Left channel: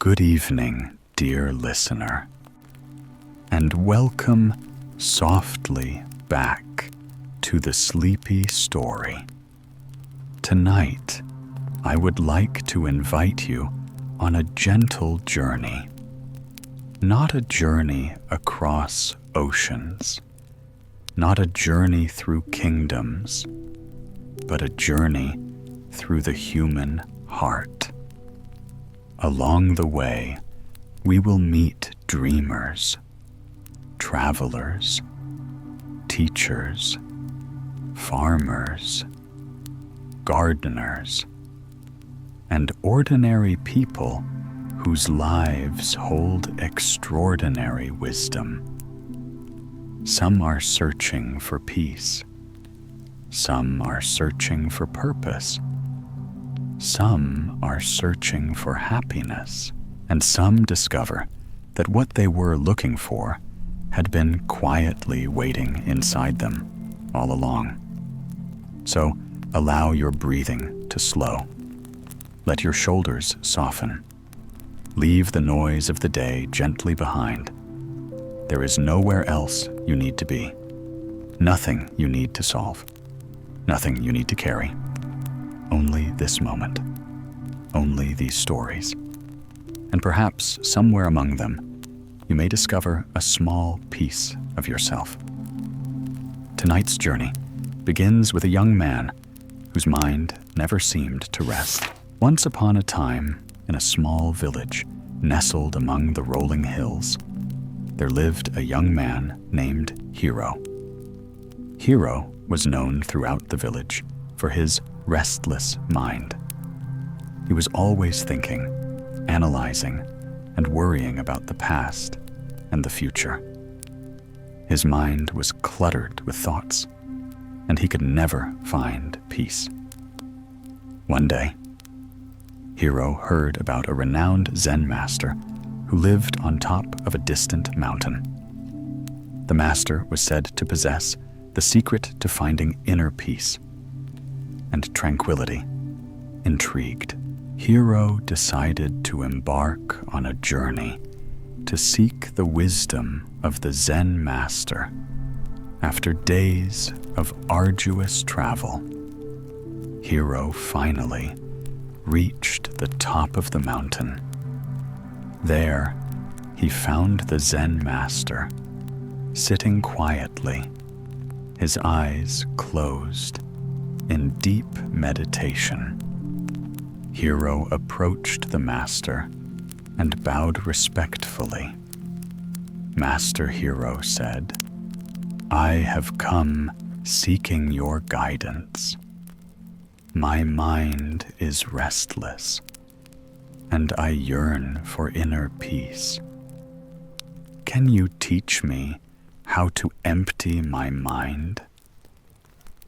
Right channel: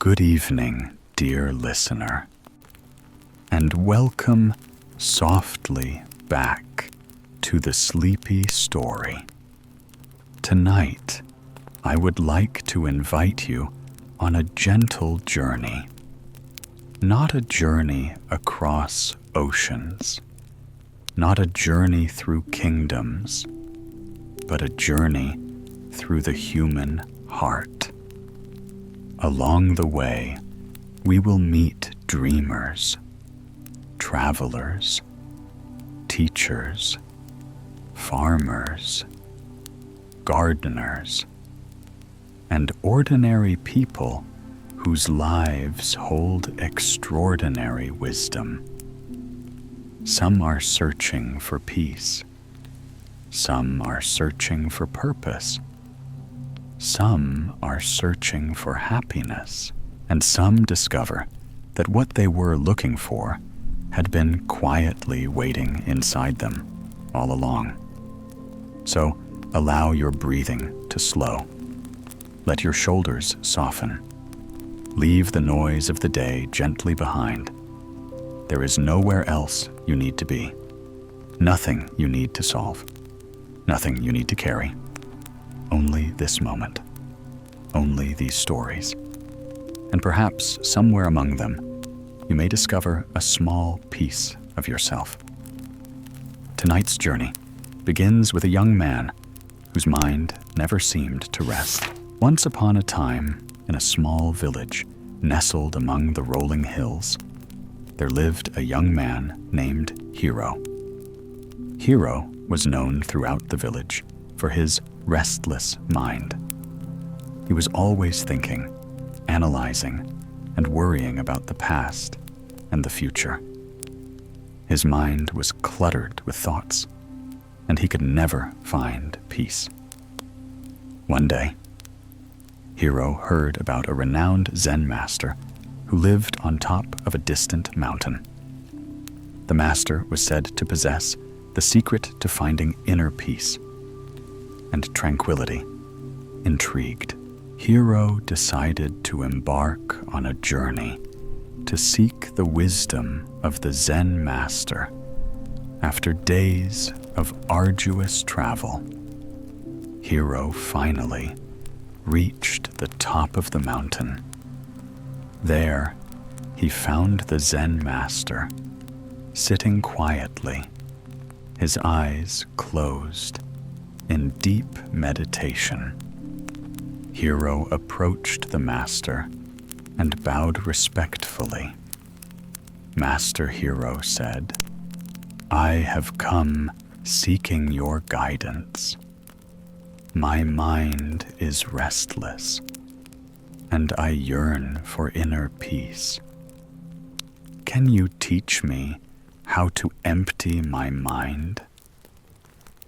Good evening, dear listener, and welcome softly back to the sleepy story. Tonight, I would like to invite you on a gentle journey. Not a journey across oceans, not a journey through kingdoms, but a journey through the human heart. Along the way, we will meet dreamers, travelers, teachers, farmers, gardeners, and ordinary people whose lives hold extraordinary wisdom. Some are searching for peace. Some are searching for purpose. Some are searching for happiness, and some discover that what they were looking for had been quietly waiting inside them all along. So allow your breathing to slow. Let your shoulders soften. Leave the noise of the day gently behind. There is nowhere else you need to be. Nothing you need to solve. Nothing you need to carry. Only this moment. Only these stories. And perhaps somewhere among them, you may discover a small piece of yourself. Tonight's journey begins with a young man whose mind never seemed to rest. Once upon a time, in a small village nestled among the rolling hills, there lived a young man named Hero. Hero was known throughout the village for his restless mind. He was always thinking, analyzing, and worrying about the past and the future. His mind was cluttered with thoughts, and he could never find peace. One day, Hero heard about a renowned Zen master who lived on top of a distant mountain. The master was said to possess the secret to finding inner peace and tranquility. Intrigued, Hero decided to embark on a journey to seek the wisdom of the Zen master. After days of arduous travel, Hero finally reached the top of the mountain. There, he found the Zen master, sitting quietly, his eyes closed, in deep meditation. Hero approached the master and bowed respectfully. Master Hero said, "I have come seeking your guidance. My mind is restless, and I yearn for inner peace. Can you teach me how to empty my mind?"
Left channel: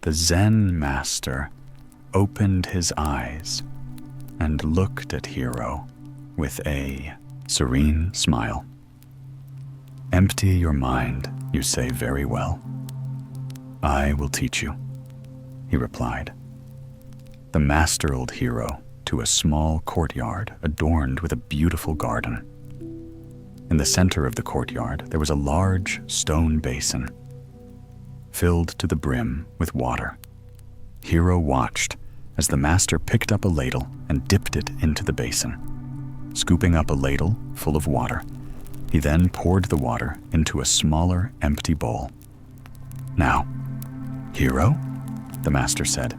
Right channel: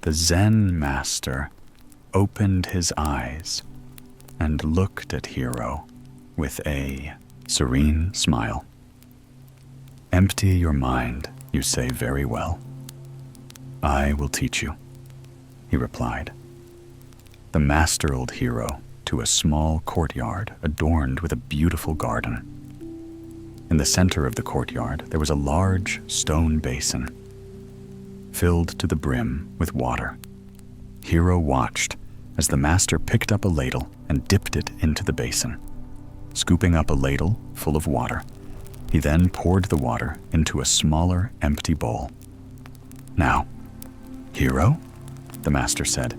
The Zen master opened his eyes and looked at Hero with a serene smile. "Empty your mind, you say very well. I will teach you," he replied. The master led Hero to a small courtyard adorned with a beautiful garden. In the center of the courtyard, there was a large stone basin, filled to the brim with water. Hero watched as the master picked up a ladle and dipped it into the basin. Scooping up a ladle full of water, he then poured the water into a smaller, empty bowl. "Now, Hero," the master said,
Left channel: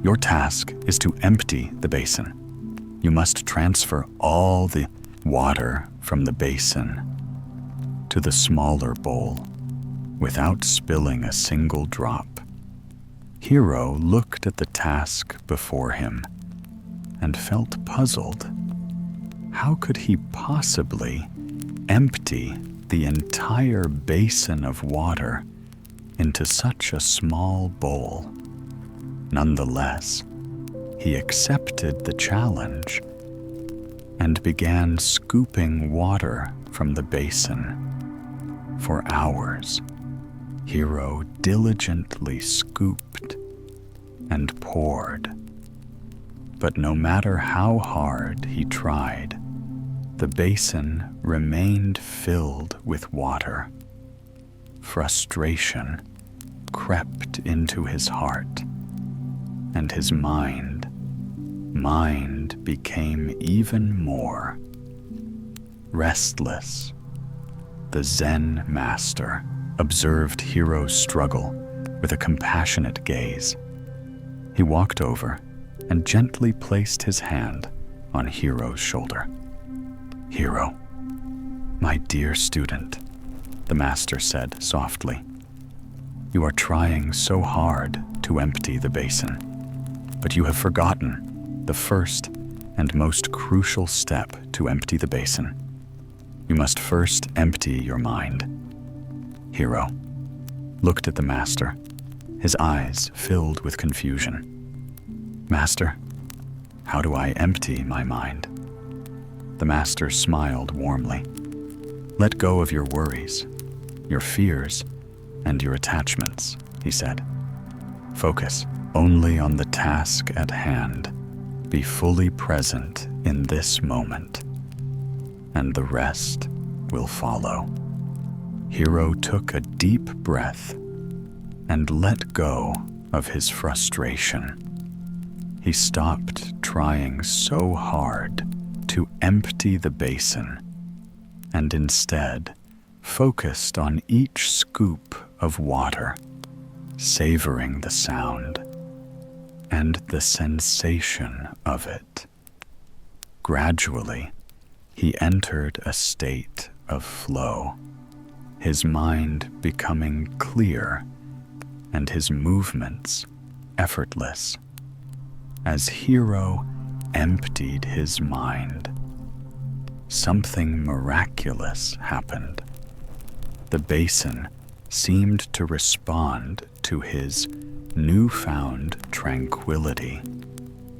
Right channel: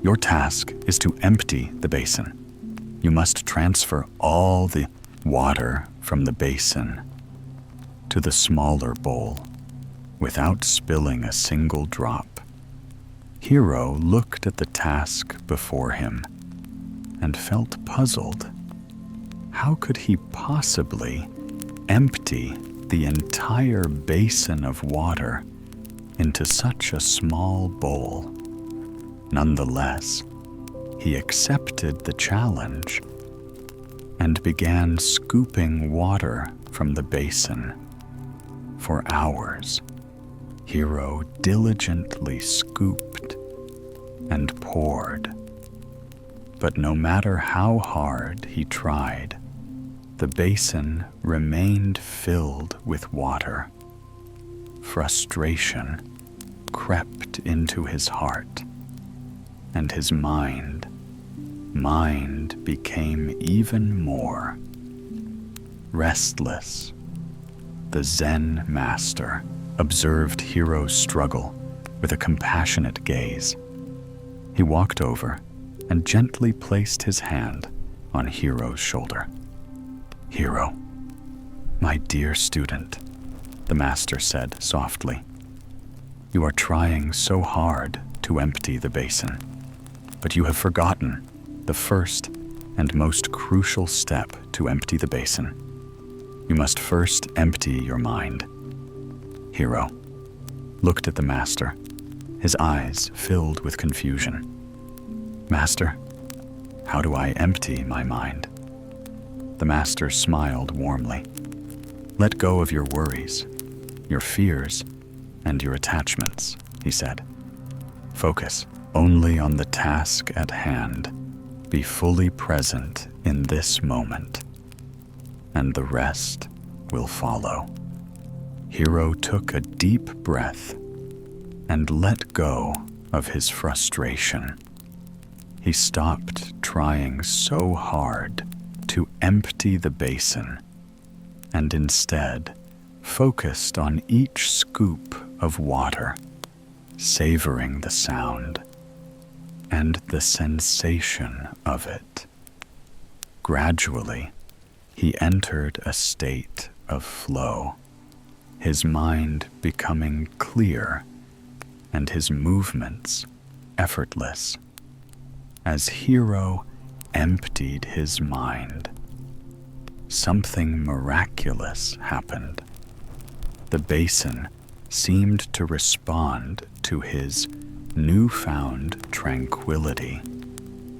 "your task is to empty the basin. You must transfer all the water from the basin to the smaller bowl without spilling a single drop." Hero looked at the task before him and felt puzzled. How could he possibly empty the entire basin of water into such a small bowl? Nonetheless, he accepted the challenge and began scooping water from the basin. For hours, Hero diligently scooped and poured. But no matter how hard he tried, The basin remained filled with water. Frustration crept into his heart, and his mind became even more restless. The Zen master observed Hiro's struggle with a compassionate gaze. He walked over and gently placed his hand on Hiro's shoulder. "Hiro, my dear student," the master said softly, "you are trying so hard to empty the basin, but you have forgotten the first and most crucial step to empty the basin. You must first empty your mind." Hiro looked at the master, his eyes filled with confusion. "Master, how do I empty my mind?" The master smiled warmly. "Let go of your worries, your fears, and your attachments," he said. "Focus only on the task at hand. Be fully present in this moment, and the rest will follow." Hiro took a deep breath and let go of his frustration. He stopped trying so hard to empty the basin and instead focused on each scoop of water, savoring the sound and the sensation of it. Gradually, he entered a state of flow, his mind becoming clear and his movements effortless. As Hiro emptied his mind, something miraculous happened. The basin seemed to respond to his newfound tranquility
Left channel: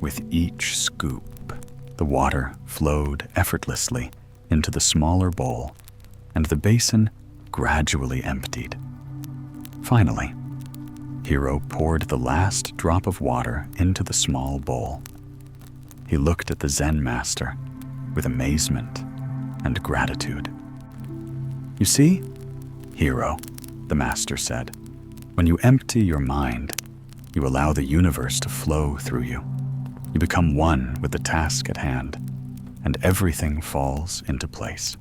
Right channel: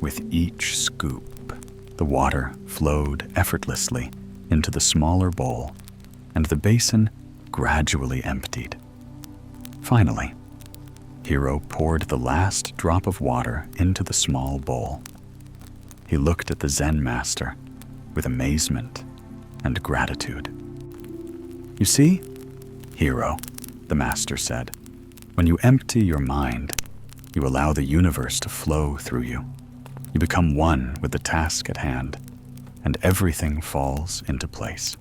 with each scoop. The water flowed effortlessly into the smaller bowl, and the basin gradually emptied. Finally, Hiro poured the last drop of water into the small bowl. He looked at the Zen master with amazement and gratitude. "You see, Hiro," the master said, "when you empty your mind, you allow the universe to flow through you. You become one with the task at hand, and everything falls into place."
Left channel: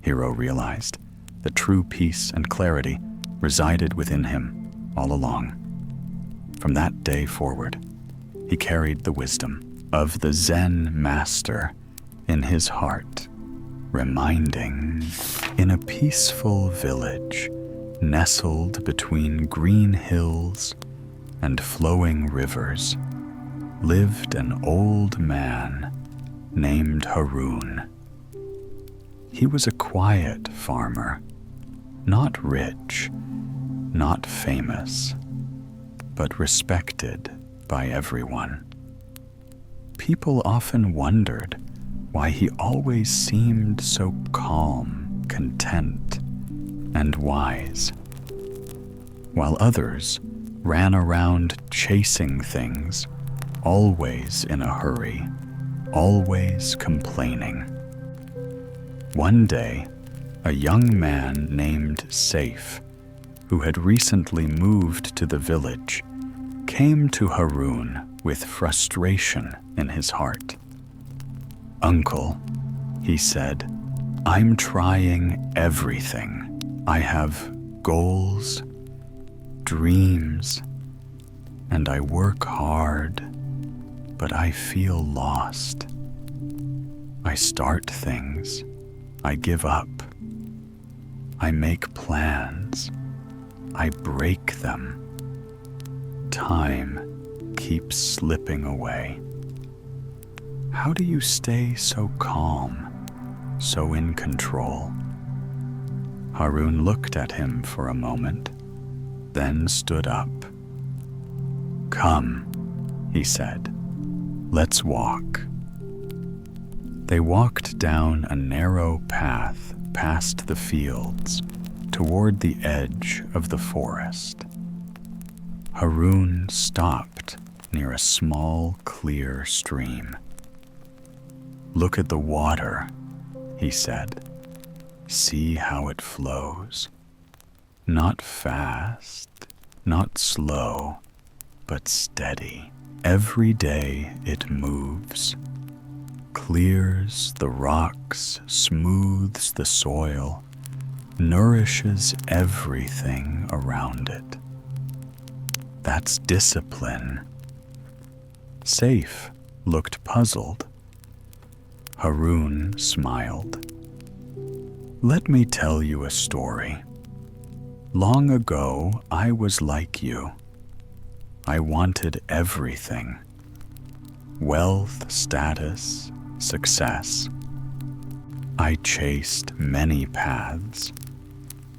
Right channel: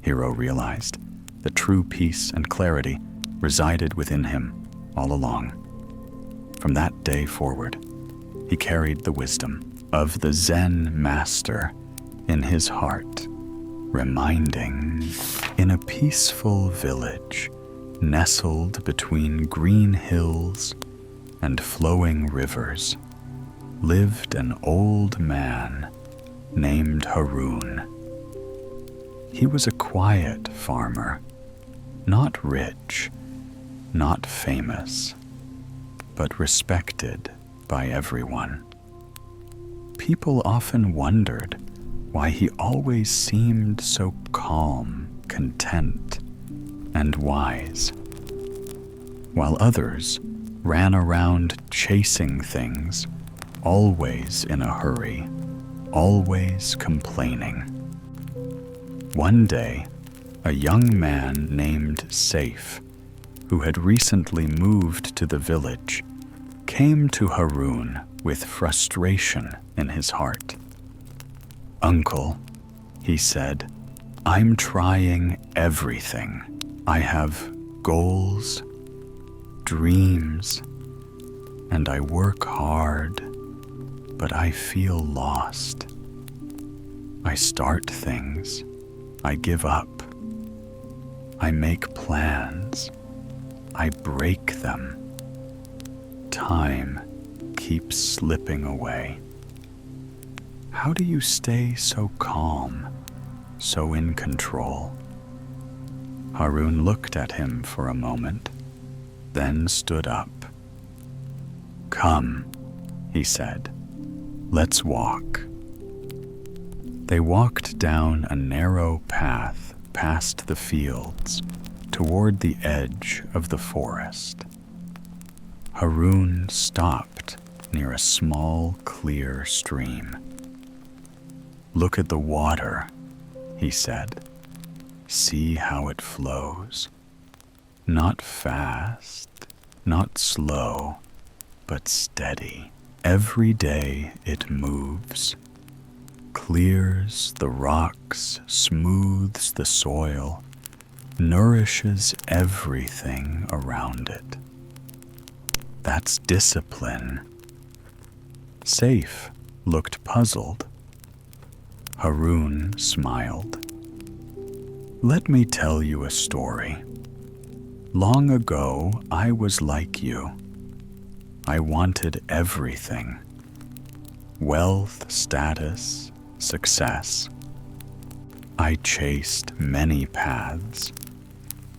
Hiro realized that true peace and clarity resided within him all along. From that day forward, he carried the wisdom of the Zen master in his heart, reminding, in a peaceful village nestled between green hills and flowing rivers, lived an old man named Haroun. He was a quiet farmer, not rich, not famous, but respected by everyone. People often wondered why he always seemed so calm, content, and wise, while others ran around chasing things, always in a hurry, always complaining. One day, a young man named Saif, who had recently moved to the village, came to Haroun with frustration in his heart. "Uncle," he said, "I'm trying everything. I have goals, dreams, and I work hard, but I feel lost. I start things, I give up. I make plans, I break them. Time keeps slipping away. How do you stay so calm, so in control?" Haroun looked at him for a moment, then stood up. "Come," he said, "let's walk." They walked down a narrow path past the fields toward the edge of the forest. Haroun stopped near a small, clear stream. Look at the water, he said. See how it flows. Not fast, not slow, but steady. Every day it moves, clears the rocks, smooths the soil, nourishes everything around it. That's discipline. Saif looked puzzled. Haroun smiled. Let me tell you a story. Long ago, I was like you. I wanted everything. Wealth, status, success. I chased many paths.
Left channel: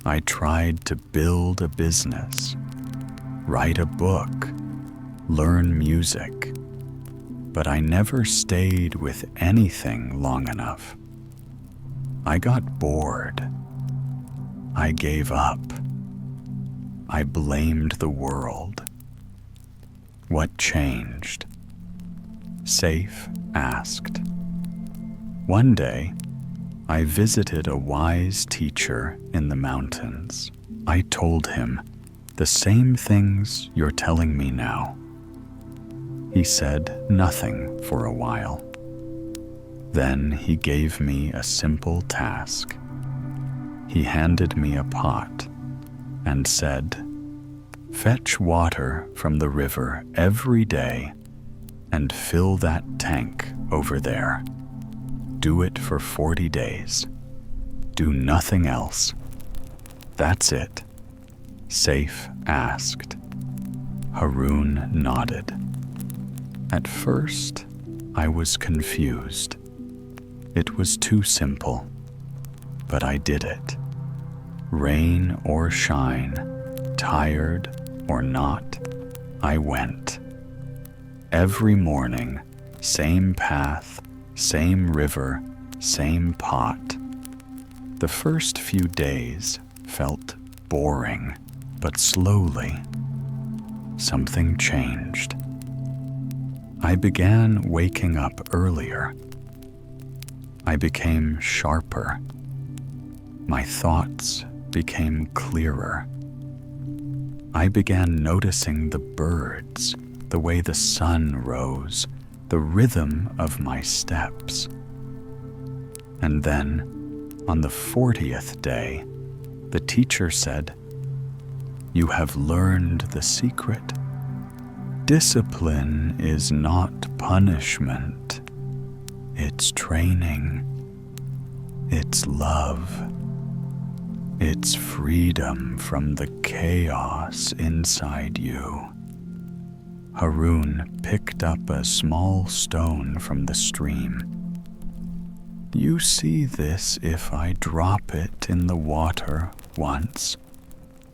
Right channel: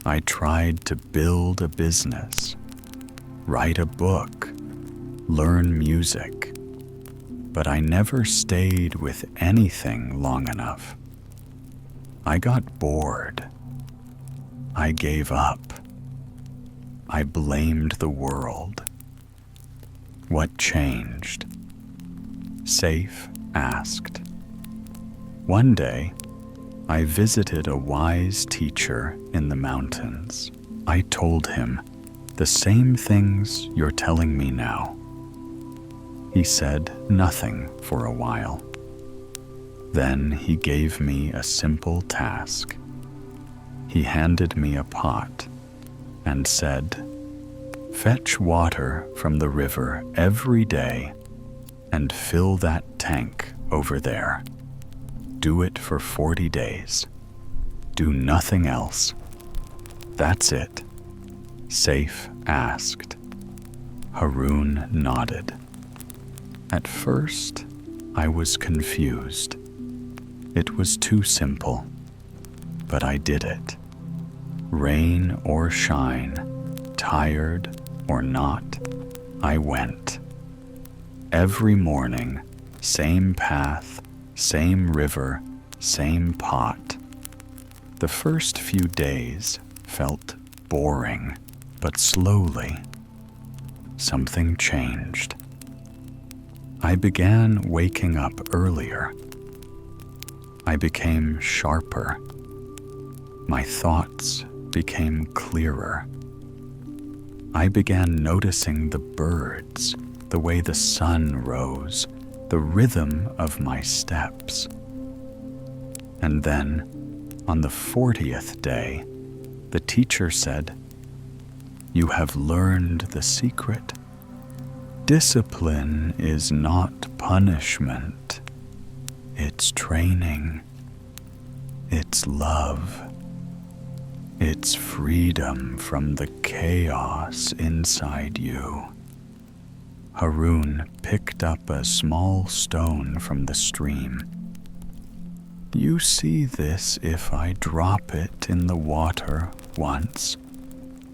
I tried to build a business, write a book, learn music. But I never stayed with anything long enough. I got bored. I gave up. I blamed the world. What changed? Saif asked. One day, I visited a wise teacher in the mountains. I told him the same things you're telling me now. He said nothing for a while. Then he gave me a simple task. He handed me a pot and said, "Fetch water from the river every day and fill that tank over there. Do it for 40 days. Do nothing else." That's it, Saif asked. Haroun nodded. At first, I was confused. It was too simple, but I did it. Rain or shine, tired or not, I went. Every morning, same path, same river, same pot. The first few days felt boring, but slowly, something changed. I began waking up earlier. I became sharper. My thoughts became clearer. I began noticing the birds, the way the sun rose, the rhythm of my steps. And then, on the 40th day, the teacher said, "You have learned the secret. Discipline is not punishment. It's training. It's love. It's freedom from the chaos inside you." Haroun picked up a small stone from the stream. "You see this if I drop it in the water once,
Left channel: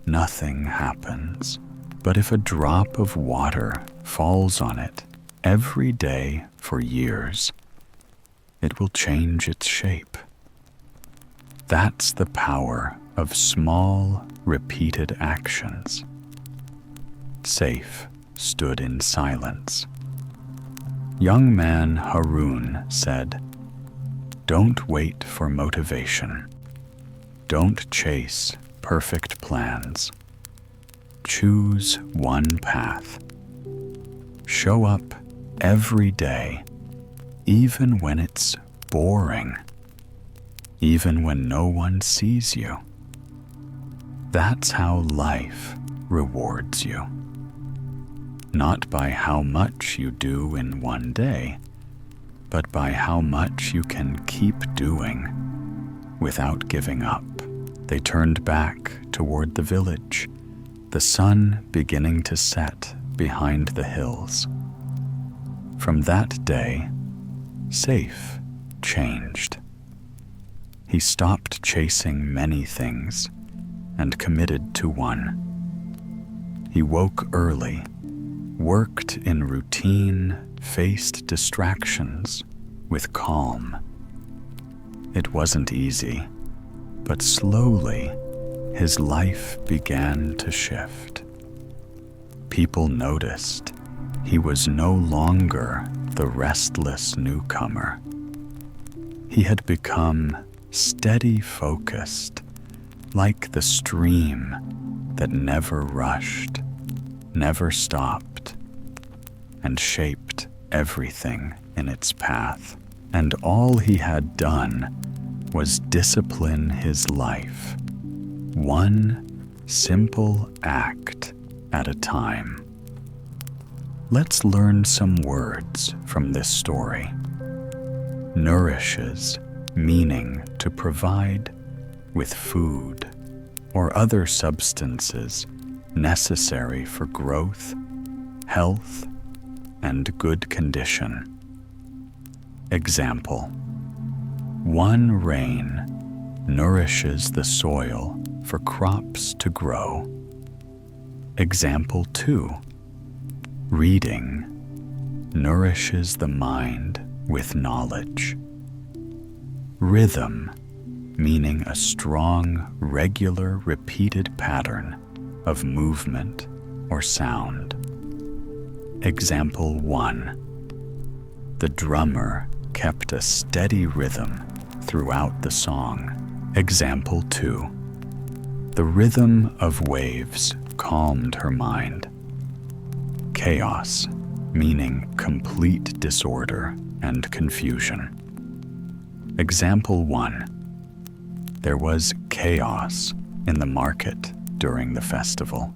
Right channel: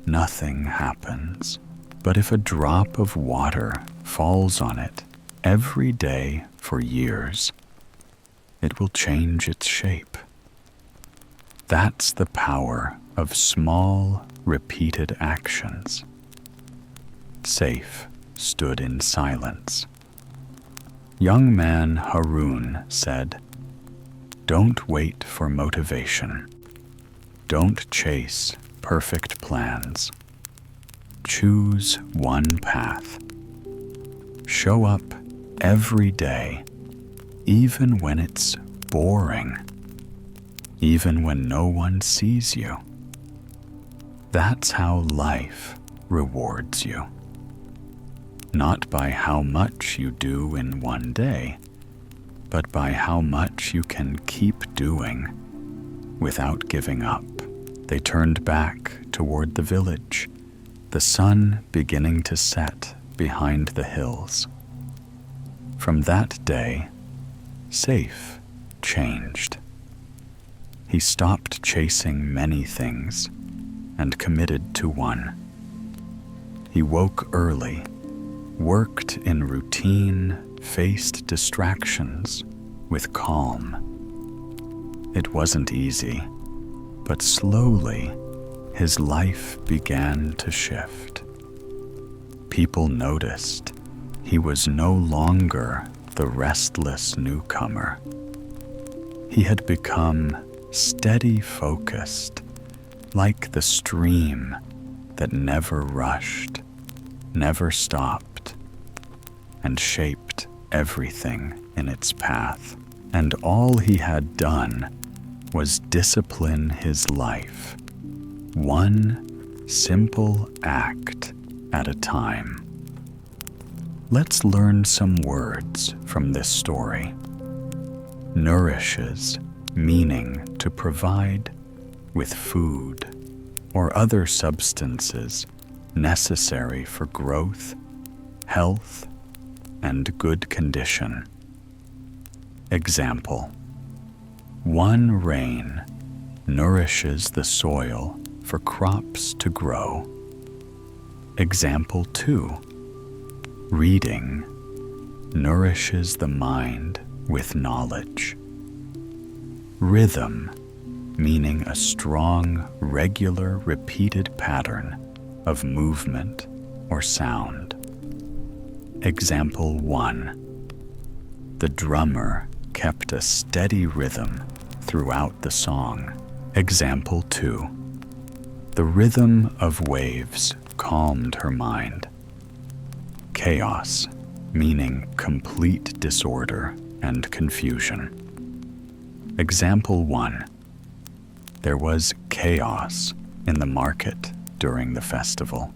nothing happens. But if a drop of water falls on it every day for years, it will change its shape." That's the power of small, repeated actions. Saif stood in silence. Young man Haroun said, "Don't wait for motivation. Don't chase perfect plans. Choose one path. Show up every day, even when it's boring, even when no one sees you. That's how life rewards you. Not by how much you do in one day, but by how much you can keep doing without giving up." They turned back toward the village, the sun beginning to set behind the hills. From that day, Saif changed. He stopped chasing many things and committed to one. He woke early, worked in routine, faced distractions with calm. It wasn't easy, but slowly his life began to shift. People noticed he was no longer the restless newcomer. He had become steady focused, like the stream that never rushed, never stopped, and shaped everything in its path. And all he had done was discipline his life, one simple act at a time. Let's learn some words from this story. Nourishes, meaning to provide with food or other substances necessary for growth, health, and good condition. Example: one rain nourishes the soil for crops to grow. Example 2. Reading nourishes the mind with knowledge. Rhythm, meaning a strong, regular, repeated pattern of movement or sound. Example 1. The drummer kept a steady rhythm throughout the song. Example 2. The rhythm of waves calmed her mind. Chaos, meaning complete disorder and confusion. Example 1. There was chaos in the market during the festival.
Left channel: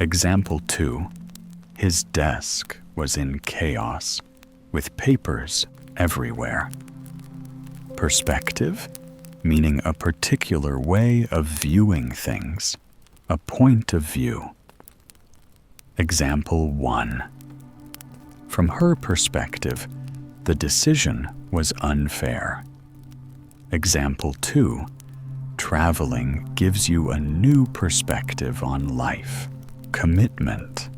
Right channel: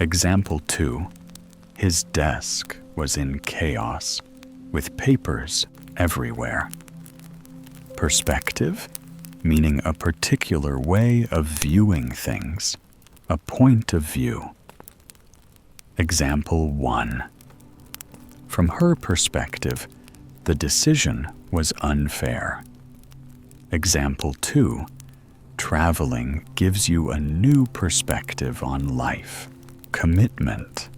Example 2. His desk was in chaos, with papers everywhere. Perspective, meaning a particular way of viewing things, a point of view. Example 1. From her perspective, the decision was unfair. Example 2. Traveling gives you a new perspective on life. Commitment,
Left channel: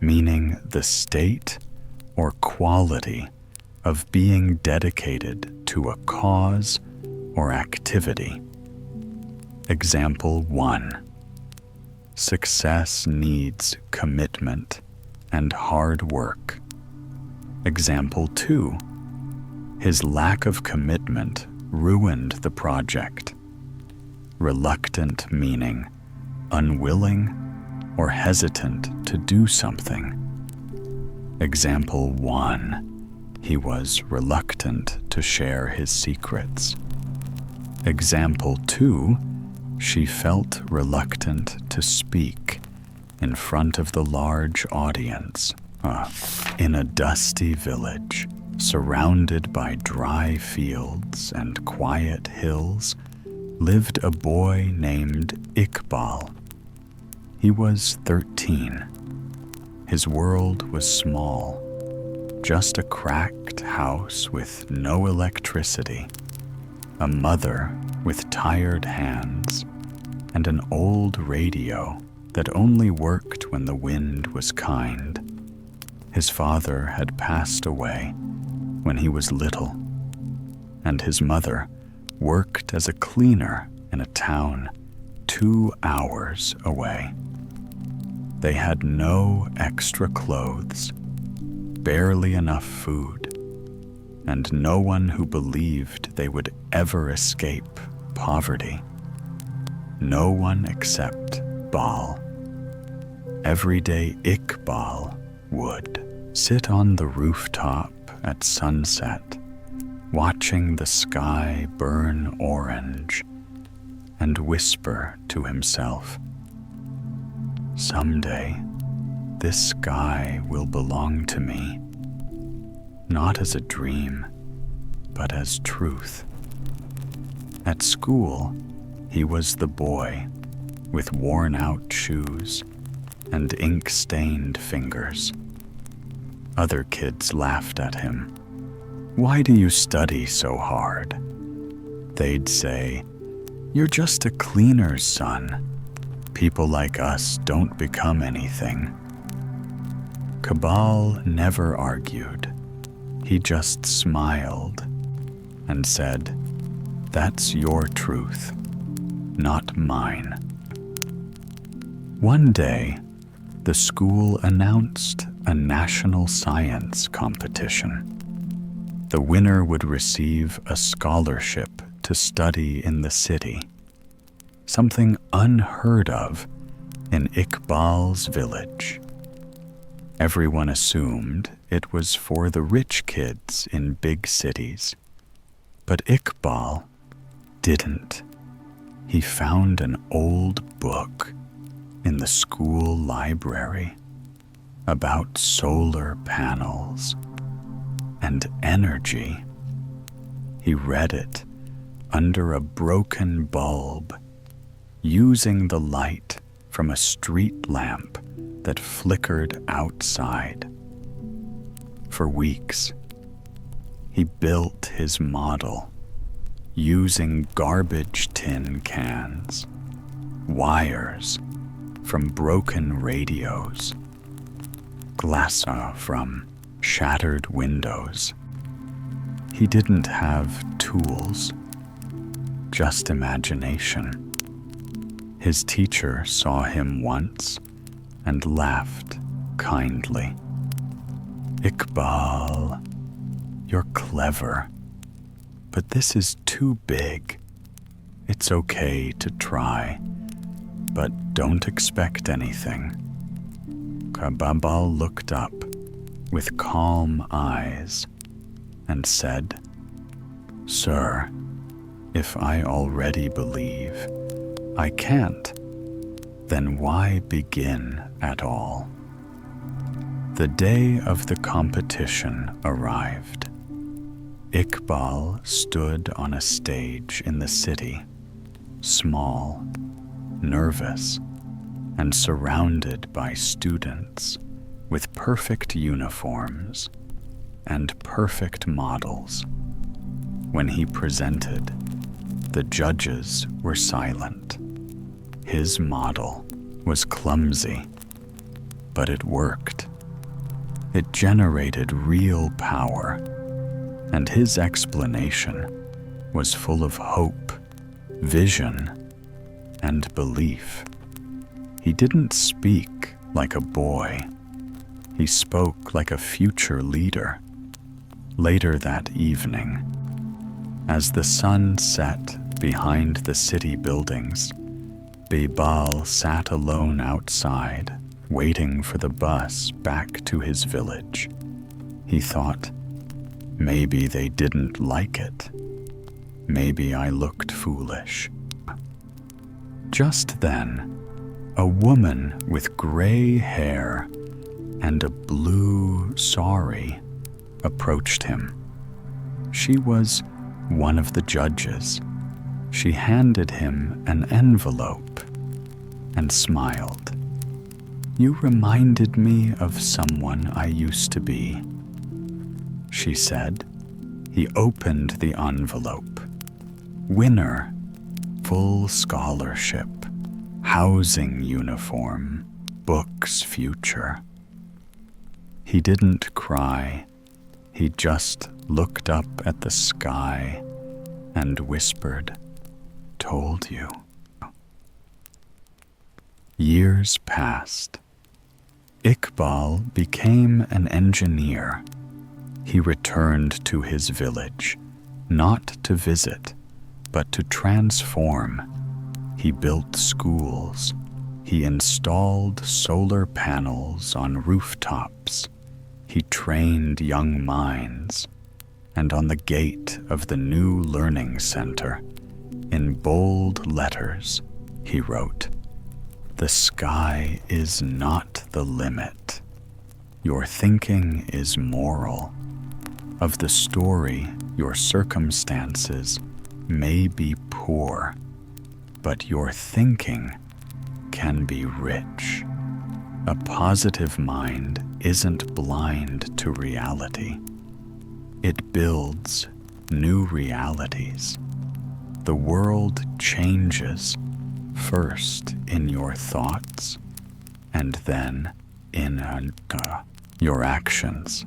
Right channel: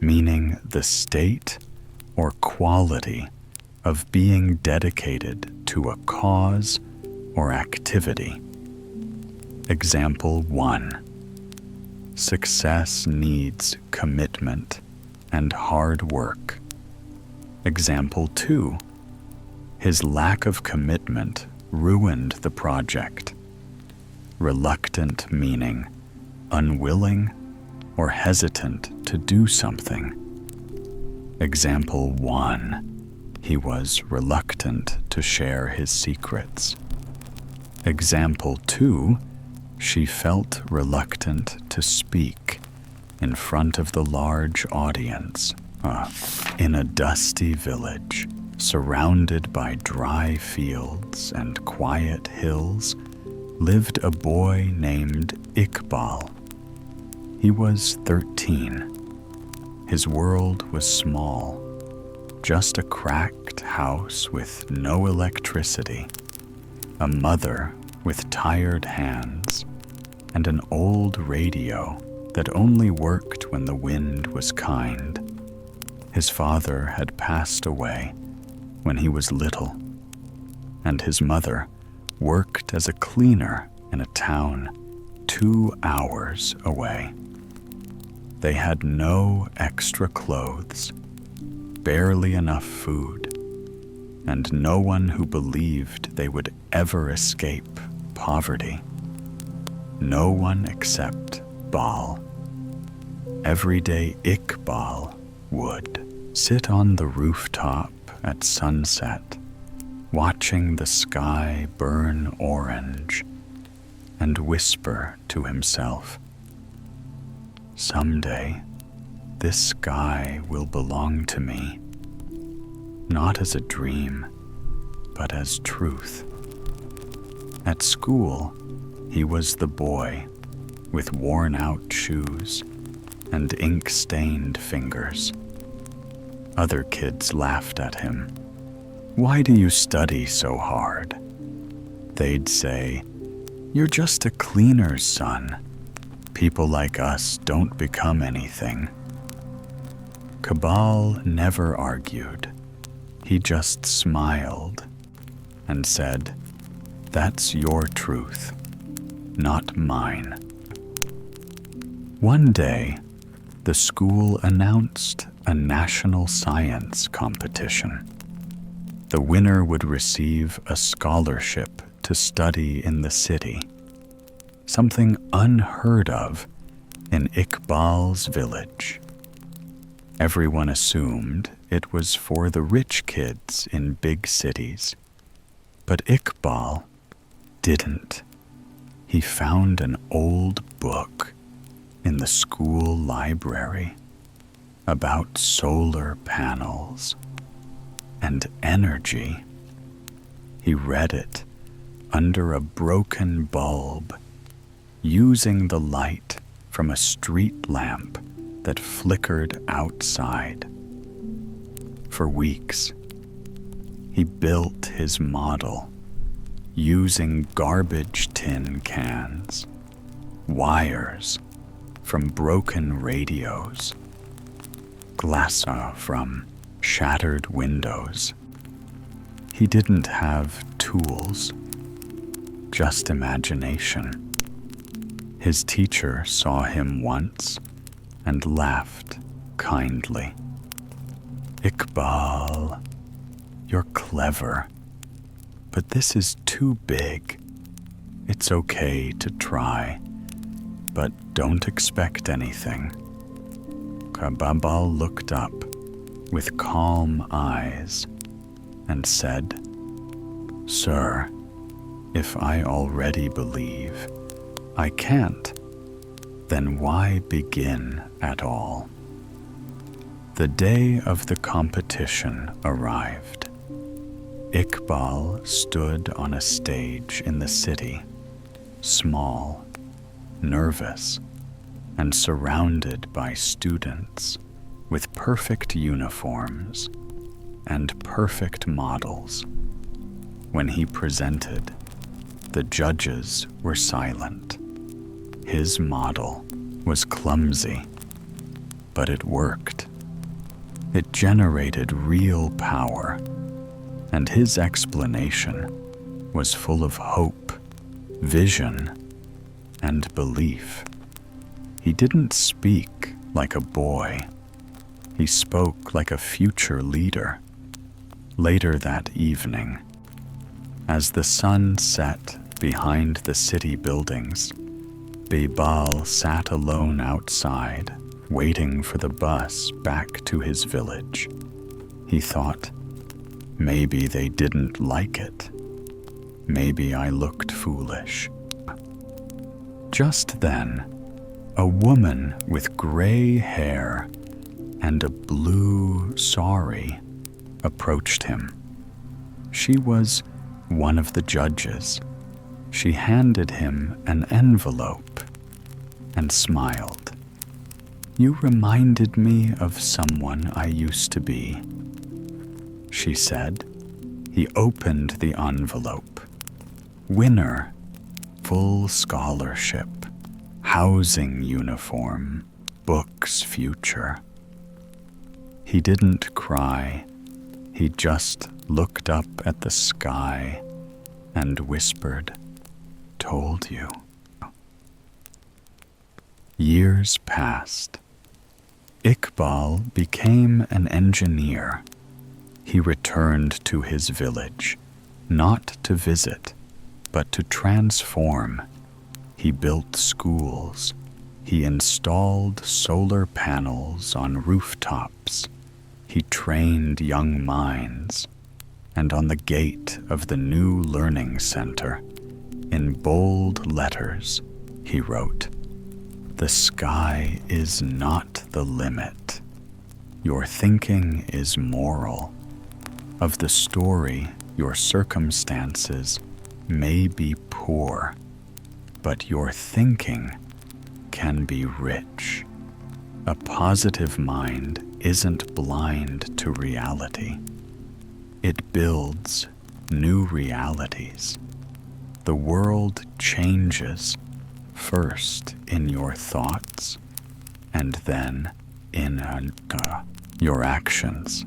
meaning the state or quality of being dedicated to a cause or activity. Example 1. Success needs commitment and hard work. Example 2. His lack of commitment ruined the project. Reluctant meaning unwilling or hesitant to do something. Example 1. He was reluctant to share his secrets. Example 2. She felt reluctant to speak in front of the large audience. In a dusty village, surrounded by dry fields and quiet hills, lived a boy named Iqbal. He was 13. His world was small, just a cracked house with no electricity, a mother with tired hands, and an old radio that only worked when the wind was kind. His father had passed away when he was little, and his mother worked as a cleaner in a town 2 hours away. They had no extra clothes, barely enough food, and no one who believed they would ever escape poverty. No one except Baal. Every day Iqbal would sit on the rooftop at sunset, watching the sky burn orange, and whisper to himself, "Someday, this sky will belong to me, not as a dream, but as truth." At school, he was the boy with worn-out shoes and ink-stained fingers. Other kids laughed at him. "Why do you study so hard?" They'd say, "You're just a cleaner's son. People like us don't become anything." Kabal never argued. He just smiled and said, "That's your truth, not mine." One day, the school announced a national science competition. The winner would receive a scholarship to study in the city, something unheard of in Iqbal's village. Everyone assumed it was for the rich kids in big cities, but Iqbal didn't. He found an old book in the school library about solar panels and energy. He read it under a broken bulb, using the light from a street lamp that flickered outside. For weeks, he built his model using garbage tin cans, wires from broken radios, glass from shattered windows. He didn't have tools, just imagination. His teacher saw him once and laughed kindly. "Iqbal, you're clever, but this is too big. It's okay to try, but don't expect anything." Iqbal looked up with calm eyes and said, "Sir, if I already believe I can't, then why begin at all?" The day of the competition arrived. Iqbal stood on a stage in the city, small, nervous, and surrounded by students with perfect uniforms and perfect models. When he presented, the judges were silent. His model was clumsy, but it worked. It generated real power, and his explanation was full of hope, vision, and belief. He didn't speak like a boy. He spoke like a future leader. Later that evening, as the sun set behind the city buildings, Iqbal sat alone outside, waiting for the bus back to his village. He thought, maybe they didn't like it. Maybe I looked foolish. Just then, a woman with gray hair and a blue sari approached him. She was one of the judges. She handed him an envelope and smiled. "You reminded me of someone I used to be," she said. He opened the envelope. "Winner, full scholarship, housing uniform, books future." He didn't cry. He just looked up at the sky and whispered, "Told you." Years passed. Iqbal became an engineer. He returned to his village, not to visit, but to transform. He built schools. He installed solar panels on rooftops. He trained young minds. And on the gate of the new learning center, in bold letters, he wrote, "The sky is not the limit. Your thinking is moral. Of the story, your circumstances may be poor, but your thinking can be rich. A positive mind isn't blind to reality. It builds new realities. The world changes first in your thoughts and then in your actions."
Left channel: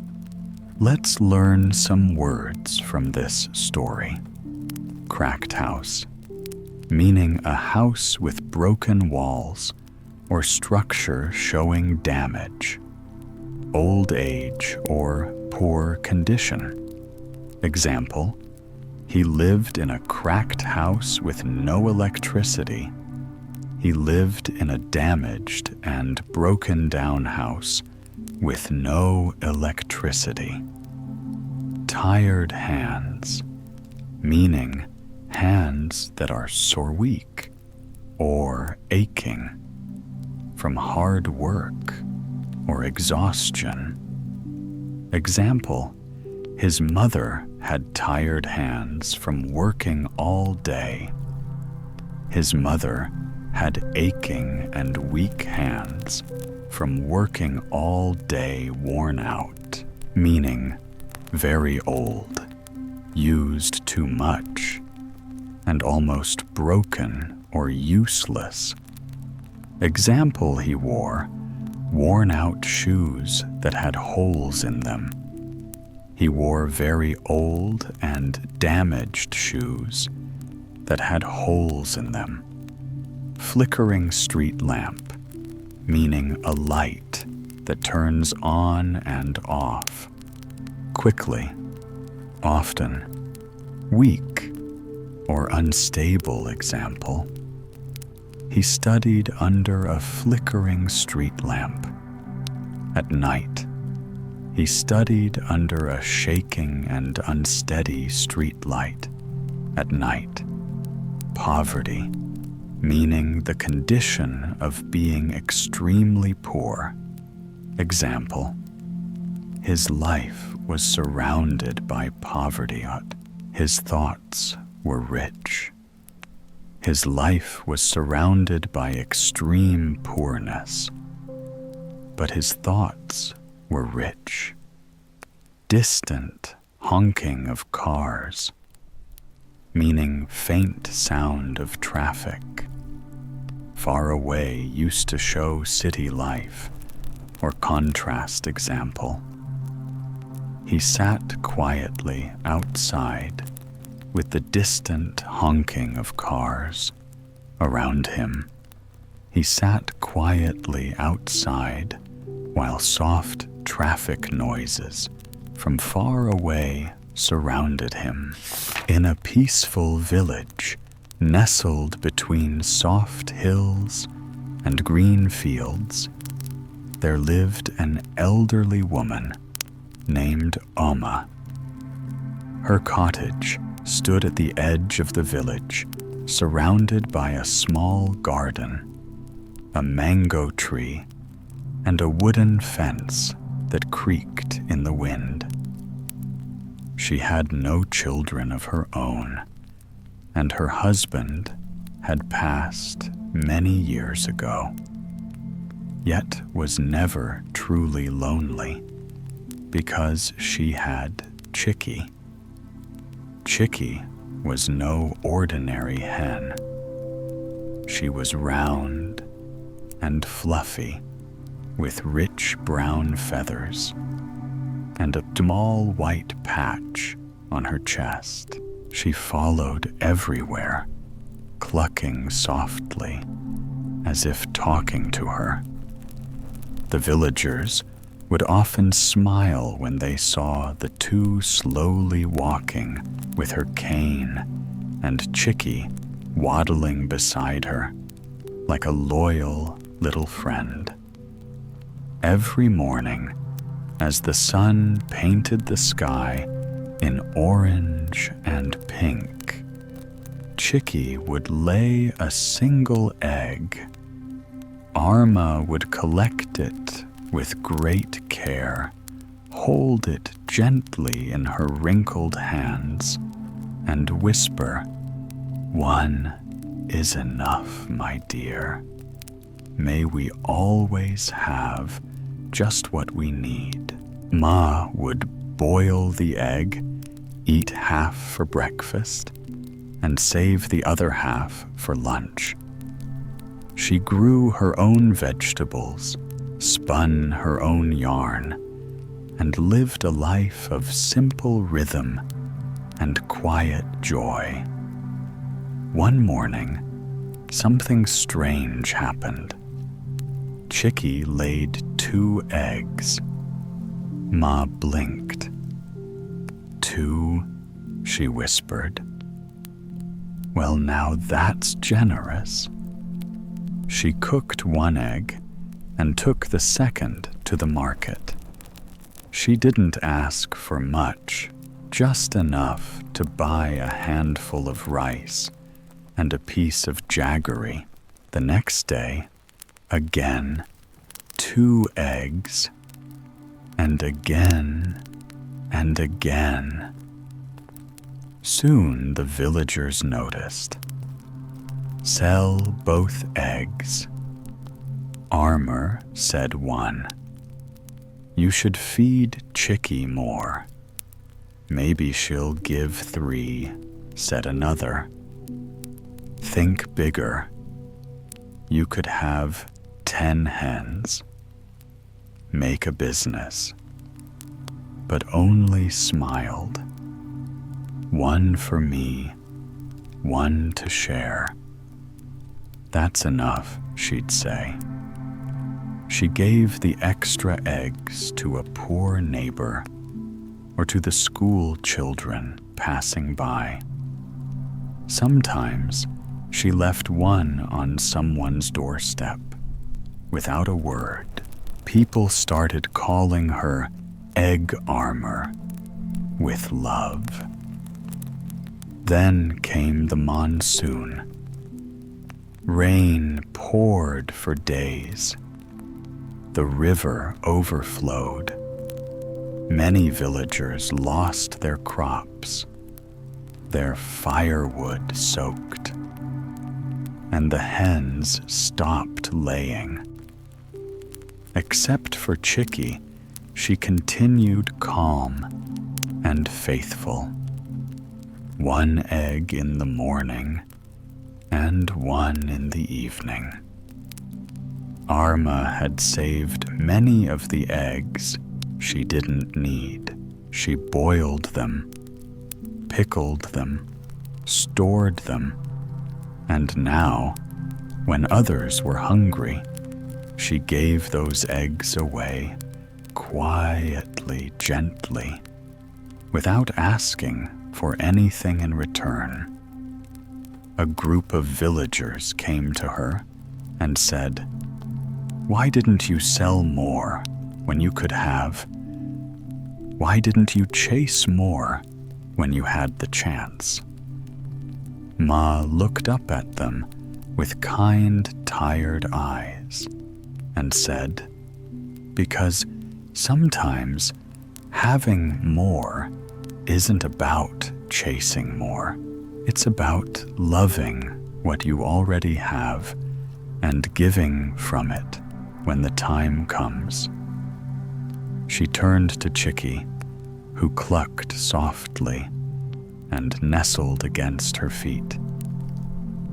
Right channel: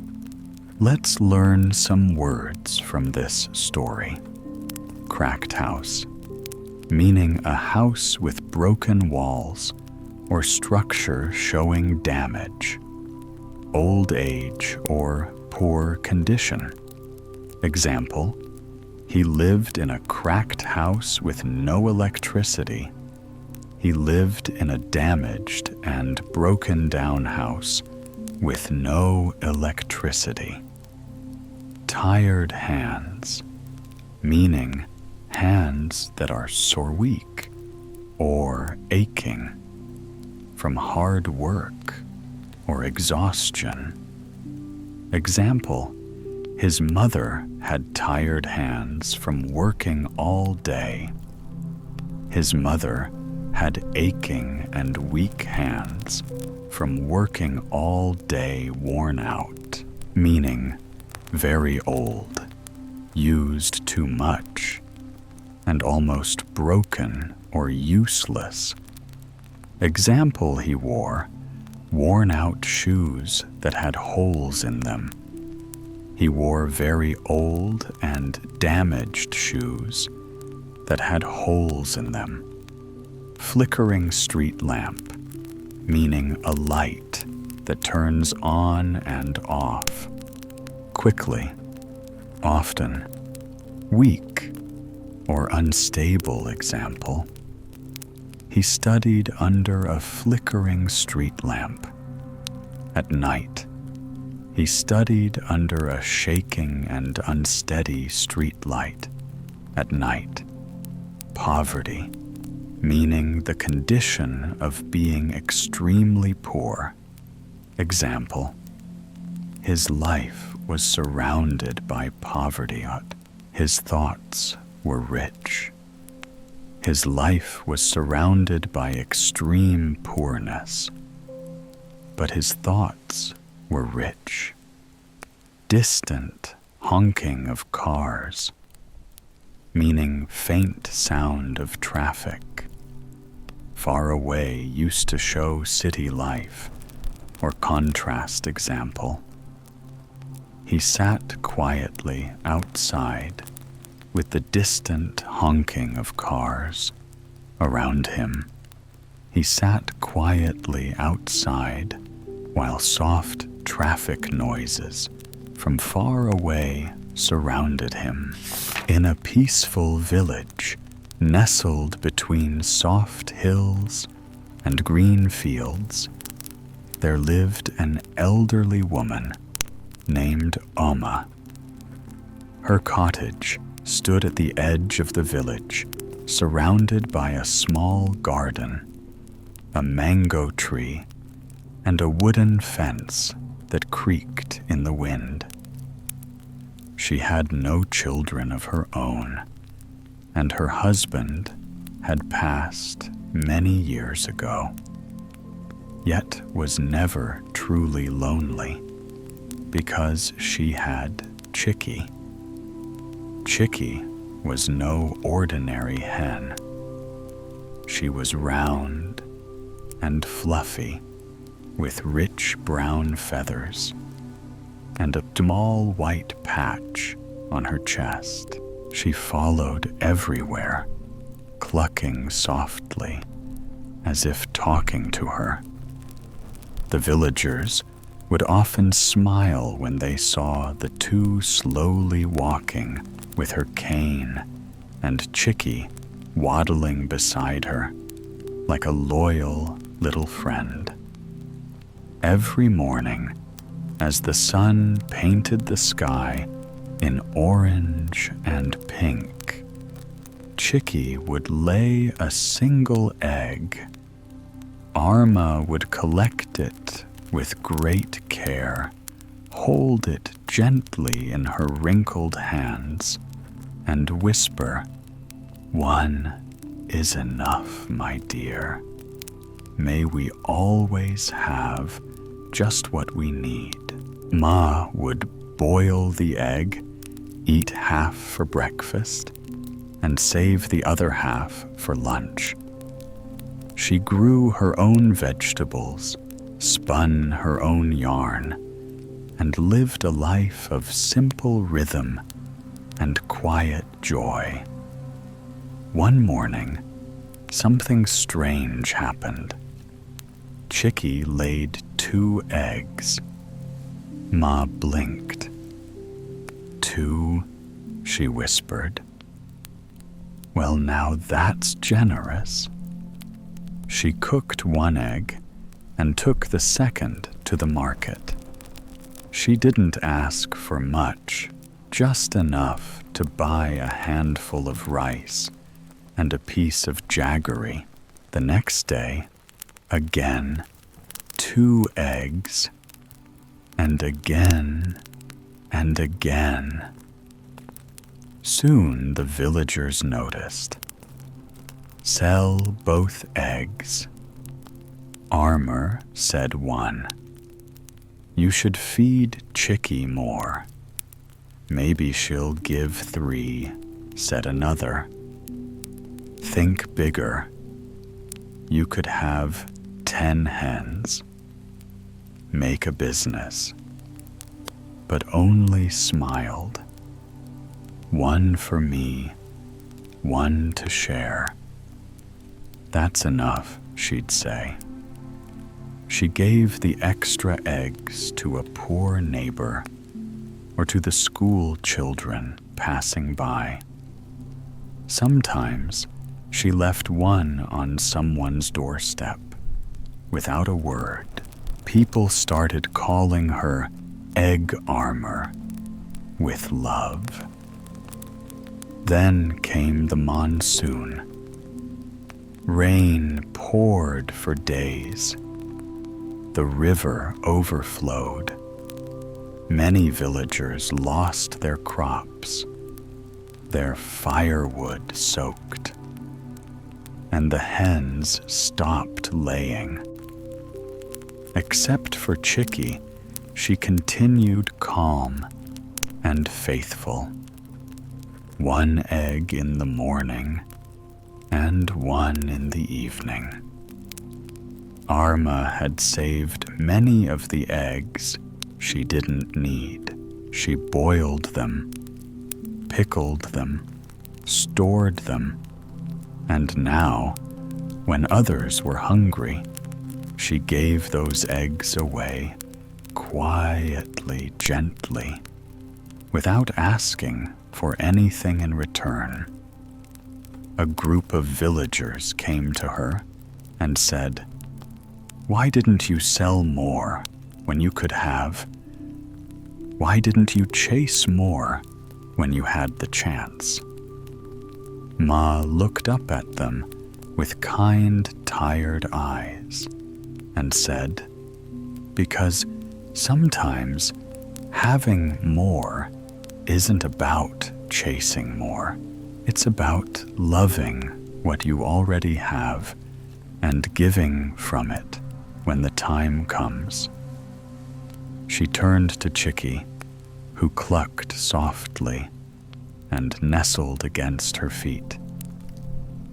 Let's learn some words from this story. Cracked house, meaning a house with broken walls or structure showing damage. Old age or poor condition. Example, he lived in a cracked house with no electricity. He lived in a damaged and broken down house with no electricity. Tired hands, meaning hands that are sore weak or aching from hard work or exhaustion. Example, his mother had tired hands from working all day. His mother had aching and weak hands from working all day, worn out, meaning very old, used too much, and almost broken or useless. Example, he wore worn-out shoes that had holes in them. He wore very old and damaged shoes that had holes in them. Flickering street lamp, meaning a light that turns on and off, quickly, often, weak or unstable. Example, he studied under a flickering street lamp. At night, he studied under a shaking and unsteady street light. At night, poverty, meaning the condition of being extremely poor. Example, his life was surrounded by poverty. His thoughts were rich. His life was surrounded by extreme poorness, but his thoughts were rich. Distant honking of cars, meaning faint sound of traffic. Far away used to show city life or contrast. Example, he sat quietly outside with the distant honking of cars around him. He sat quietly outside while soft traffic noises from far away surrounded him. In a peaceful village, nestled between soft hills and green fields, there lived an elderly woman named Oma. Her cottage stood at the edge of the village, surrounded by a small garden, a mango tree, and a wooden fence that creaked in the wind. She had no children of her own, and her husband had passed many years ago, yet was never truly lonely because she had Chicky. Chicky was no ordinary hen. She was round and fluffy, with rich brown feathers and a small white patch on her chest. She followed everywhere, clucking softly, as if talking to her. The villagers would often smile when they saw the two slowly walking with her cane and Chicky waddling beside her like a loyal little friend. Every morning, as the sun painted the sky in orange and pink, Chicky would lay a single egg. Arma would collect it with great care, hold it gently in her wrinkled hands, and whisper, "One is enough, my dear. May we always have just what we need." Ma would boil the egg, eat half for breakfast, and save the other half for lunch. She grew her own vegetables, spun her own yarn, and lived a life of simple rhythm and quiet joy. One morning, something strange happened. Chicky laid 2 eggs. Ma blinked. 2, she whispered. Well, now that's generous. She cooked 1 egg and took the second to the market. She didn't ask for much, just enough to buy a handful of rice and a piece of jaggery. The next day, again, 2 eggs, and again and again. Soon the villagers noticed. Sell both eggs. Armor, said one. You should feed Chickie more. Maybe she'll give 3, said another. Think bigger. You could have 10 hens. Make a business. But only smiled. 1 for me, 1 to share. That's enough, she'd say. She gave the extra eggs to a poor neighbor or to the school children passing by. Sometimes she left 1 on someone's doorstep. Without a word, people started calling her Egg Armor with love. Then came the monsoon. Rain poured for days. The river overflowed. Many villagers lost their crops, their firewood soaked, and the hens stopped laying. Except for Chickie, she continued calm and faithful. 1 egg in the morning and 1 in the evening. Arma had saved many of the eggs she didn't need. She boiled them, pickled them, stored them, and now, when others were hungry, she gave those eggs away quietly, gently, without asking for anything in return. A group of villagers came to her and said, "Why didn't you sell more when you could have? Why didn't you chase more when you had the chance?" Ma looked up at them with kind, tired eyes and said, "Because sometimes having more isn't about chasing more. It's about loving what you already have and giving from it when the time comes." She turned to Chickie, who clucked softly and nestled against her feet.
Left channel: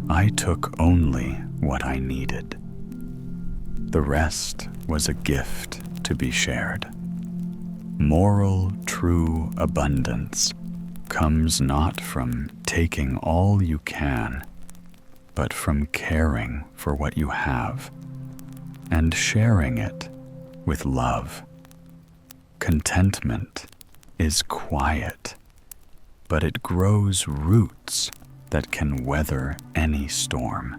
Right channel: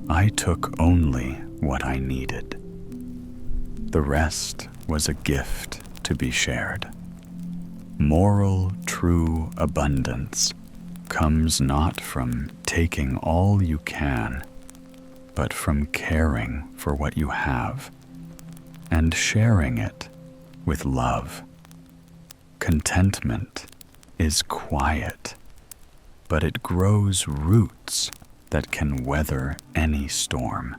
I took only what I needed. The rest was a gift to be shared. Moral, true abundance comes not from taking all you can, but from caring for what you have and sharing it with love. Contentment is quiet, but it grows roots that can weather any storm.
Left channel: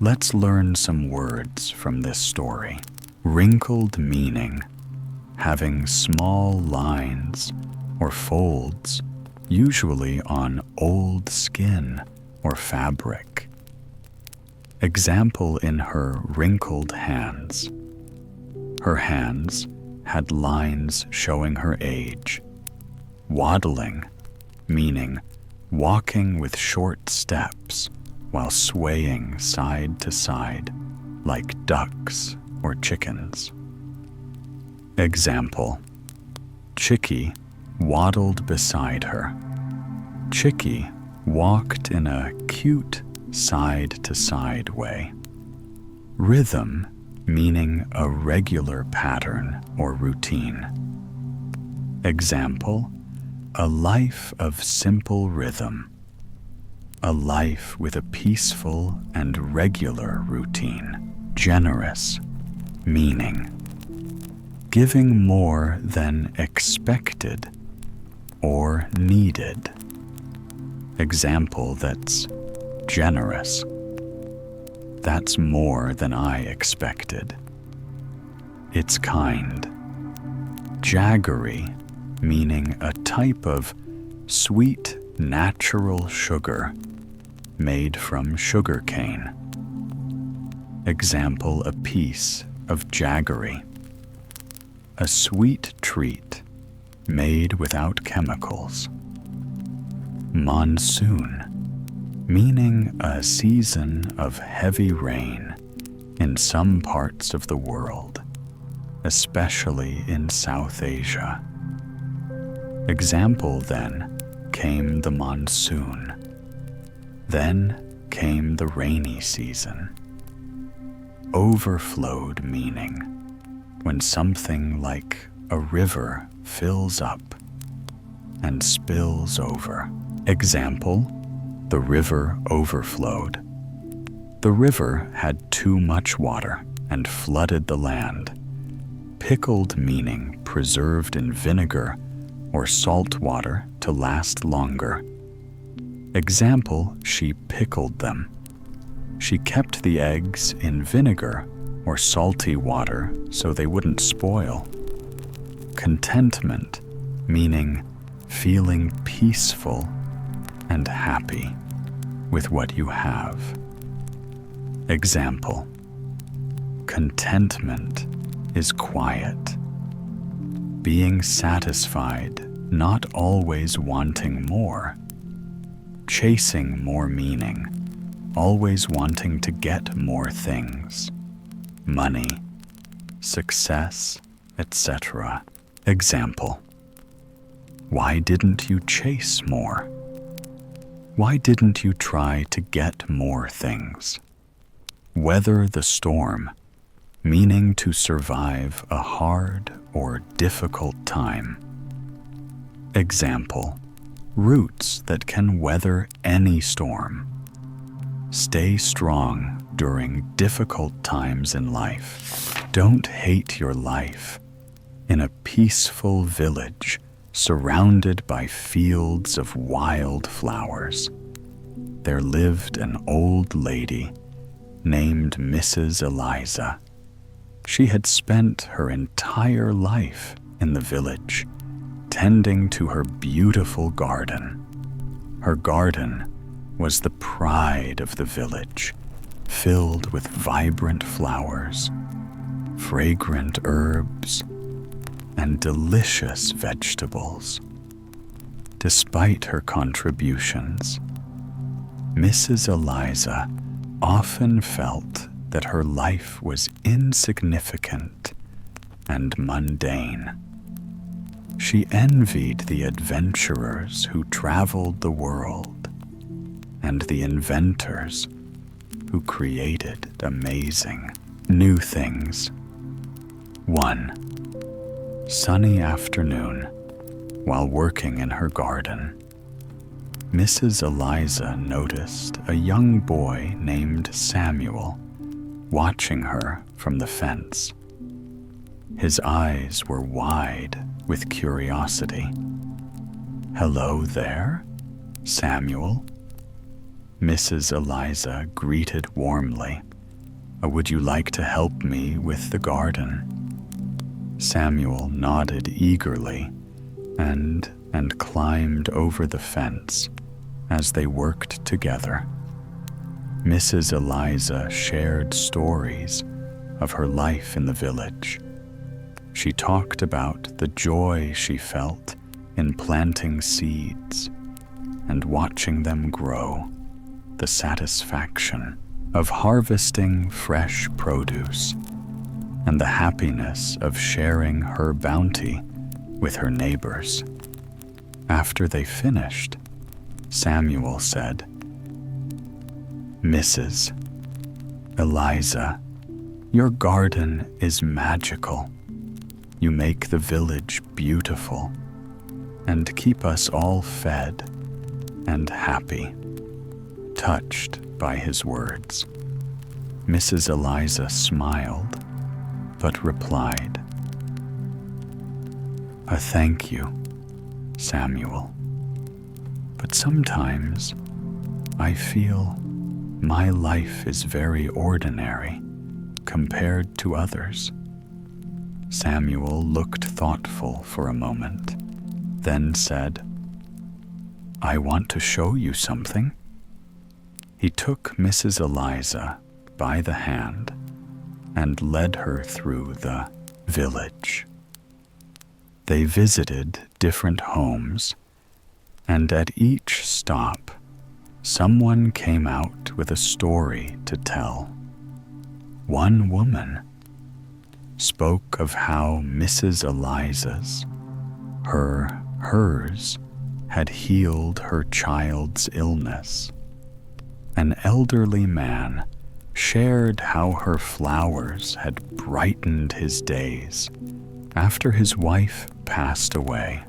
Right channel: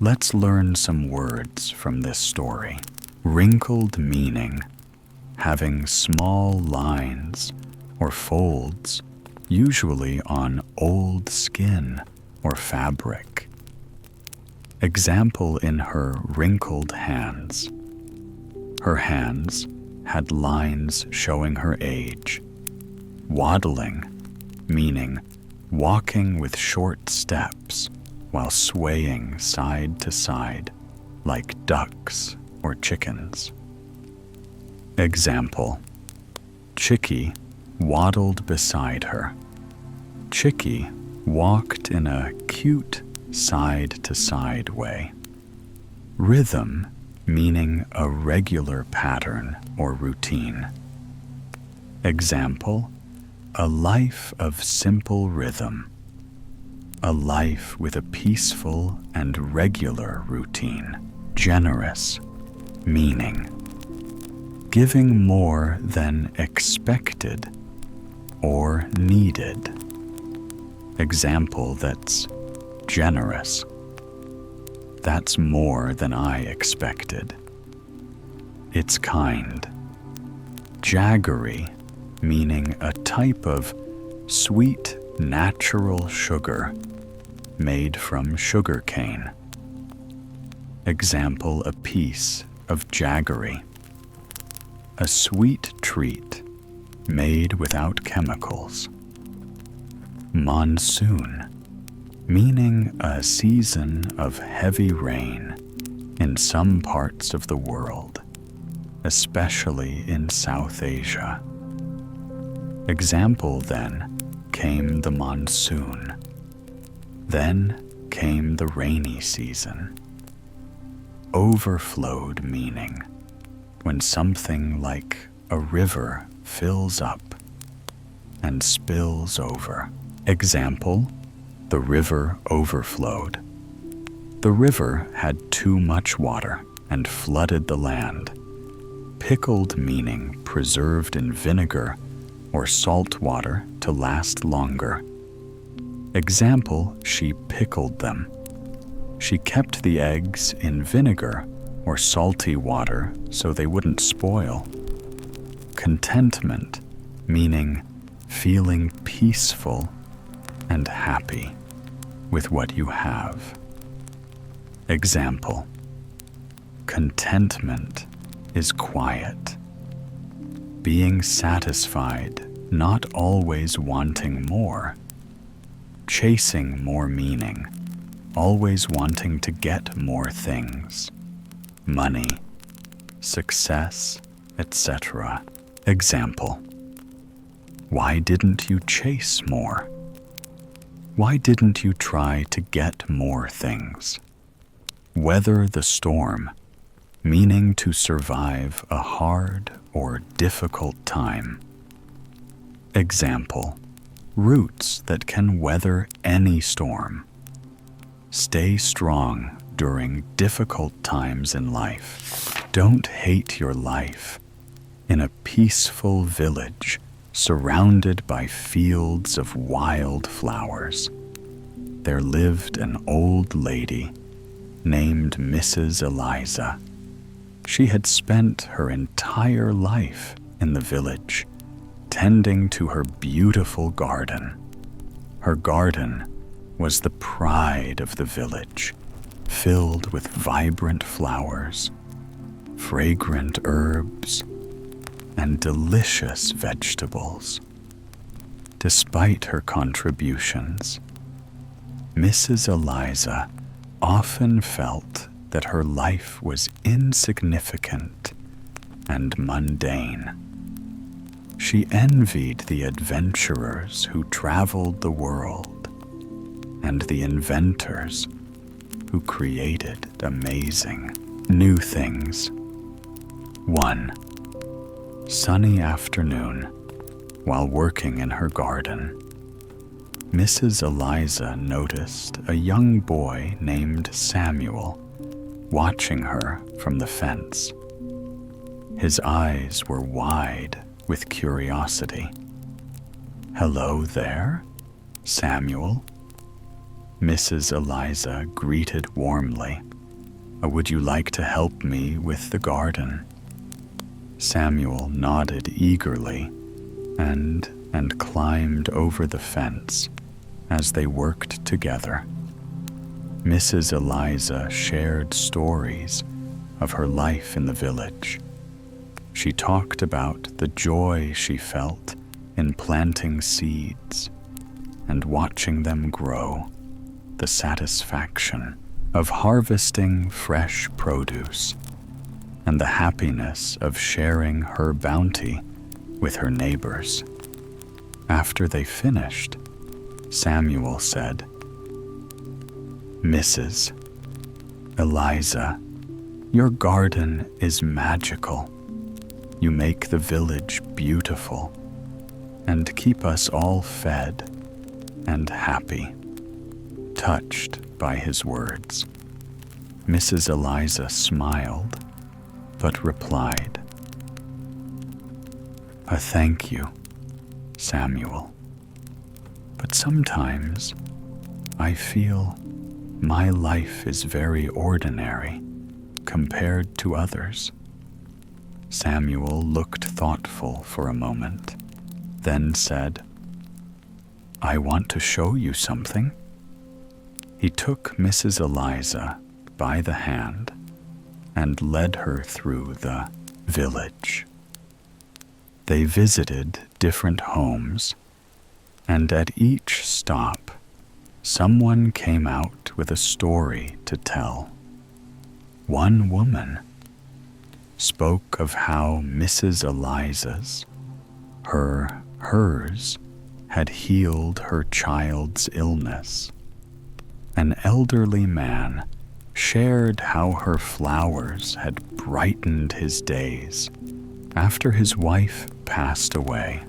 Let's learn some words from this story. Wrinkled meaning, having small lines or folds, usually on old skin or fabric. Example in her wrinkled hands. Her hands had lines showing her age. Waddling, meaning walking with short steps while swaying side to side like ducks or chickens. Example, Chickie waddled beside her. Chickie walked in a cute side-to-side way. Rhythm, meaning a regular pattern or routine. Example, a life of simple rhythm. A life with a peaceful and regular routine. Generous, meaning giving more than expected or needed. Example that's generous. That's more than I expected. It's kind. Jaggery, meaning a type of sweet natural sugar made from sugar cane. Example, a piece of jaggery. A sweet treat made without chemicals. Monsoon, meaning a season of heavy rain in some parts of the world, especially in South Asia. Example, then came the monsoon. Then came the rainy season. Overflowed, meaning when something like a river fills up and spills over. Example, the river overflowed. The river had too much water and flooded the land. Pickled, meaning preserved in vinegar or salt water to last longer. Example, she pickled them. She kept the eggs in vinegar or salty water so they wouldn't spoil. Contentment, meaning feeling peaceful and happy with what you have. Example, contentment is quiet. Being satisfied, not always wanting more. Chasing more, meaning always wanting to get more things. Money, success, etc. Example, why didn't you chase more? Why didn't you try to get more things? Weather the storm, meaning to survive a hard or difficult time. Example, roots that can weather any storm. Stay strong during difficult times in life. Don't hate your life. In a peaceful village surrounded by fields of wild flowers, there lived an old lady named Mrs. Eliza. She had spent her entire life in the village, tending to her beautiful garden. Her garden was the pride of the village, filled with vibrant flowers, fragrant herbs, and delicious vegetables. Despite her contributions, Mrs. Eliza often felt that her life was insignificant and mundane. She envied the adventurers who traveled the world and the inventors who created amazing new things. One sunny afternoon, while working in her garden, Mrs. Eliza noticed a young boy named Samuel watching her from the fence. His eyes were wide with curiosity. "Hello there, Samuel," Mrs. Eliza greeted warmly. "Would you like to help me with the garden?" Samuel nodded eagerly and climbed over the fence as they worked together. Mrs. Eliza shared stories of her life in the village. She talked about the joy she felt in planting seeds and watching them grow, the satisfaction of harvesting fresh produce, and the happiness of sharing her bounty with her neighbors. After they finished, Samuel said, "Mrs. Eliza, your garden is magical. You make the village beautiful and keep us all fed and happy." Touched by his words, Mrs. Eliza smiled but replied, "Thank you, Samuel. But sometimes I feel my life is very ordinary compared to others. Samuel looked thoughtful for a moment, then said, I want to show you something. He took Mrs. Eliza by the hand and led her through the village. They visited different homes, and at each stop, someone came out with a story to tell. One woman spoke of how Mrs. Eliza's, hers, had healed her child's illness. An elderly man shared how her flowers had brightened his days after his wife passed away.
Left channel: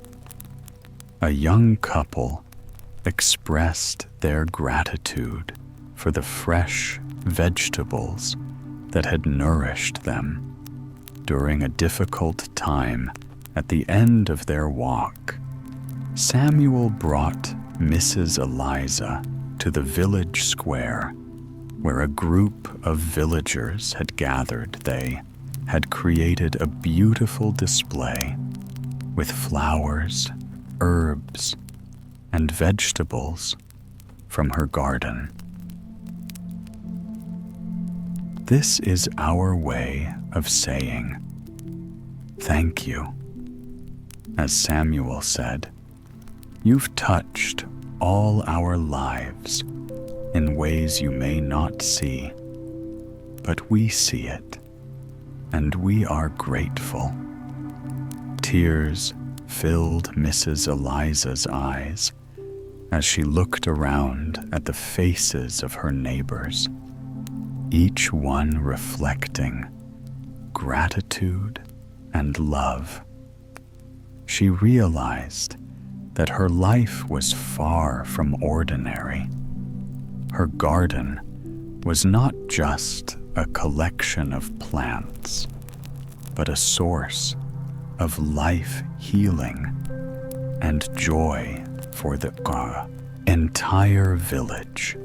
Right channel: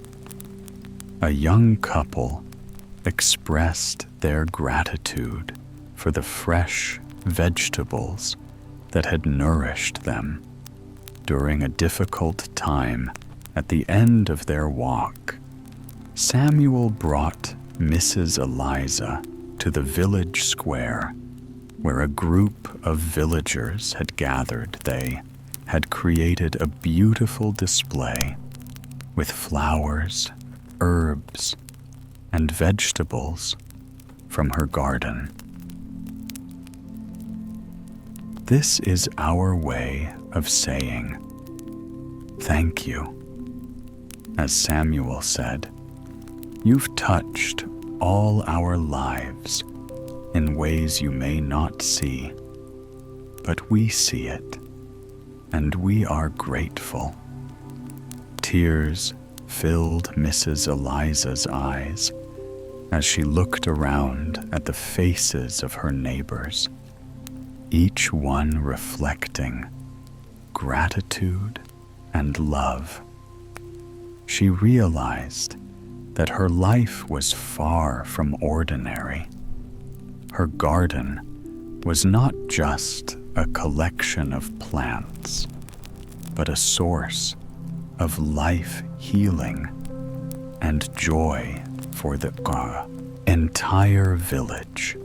A young couple expressed their gratitude for the fresh vegetables that had nourished them during a difficult time at the end of their walk. Samuel brought Mrs. Eliza to the village square where a group of villagers had gathered. They had created a beautiful display with flowers, herbs, and vegetables from her garden. This is our way of saying thank you. As Samuel said, you've touched all our lives in ways you may not see, but we see it, and we are grateful. Tears filled Mrs. Eliza's eyes as she looked around at the faces of her neighbors, each one reflecting gratitude and love. She realized that her life was far from ordinary. Her garden was not just a collection of plants, but a source of life healing and joy for the entire village.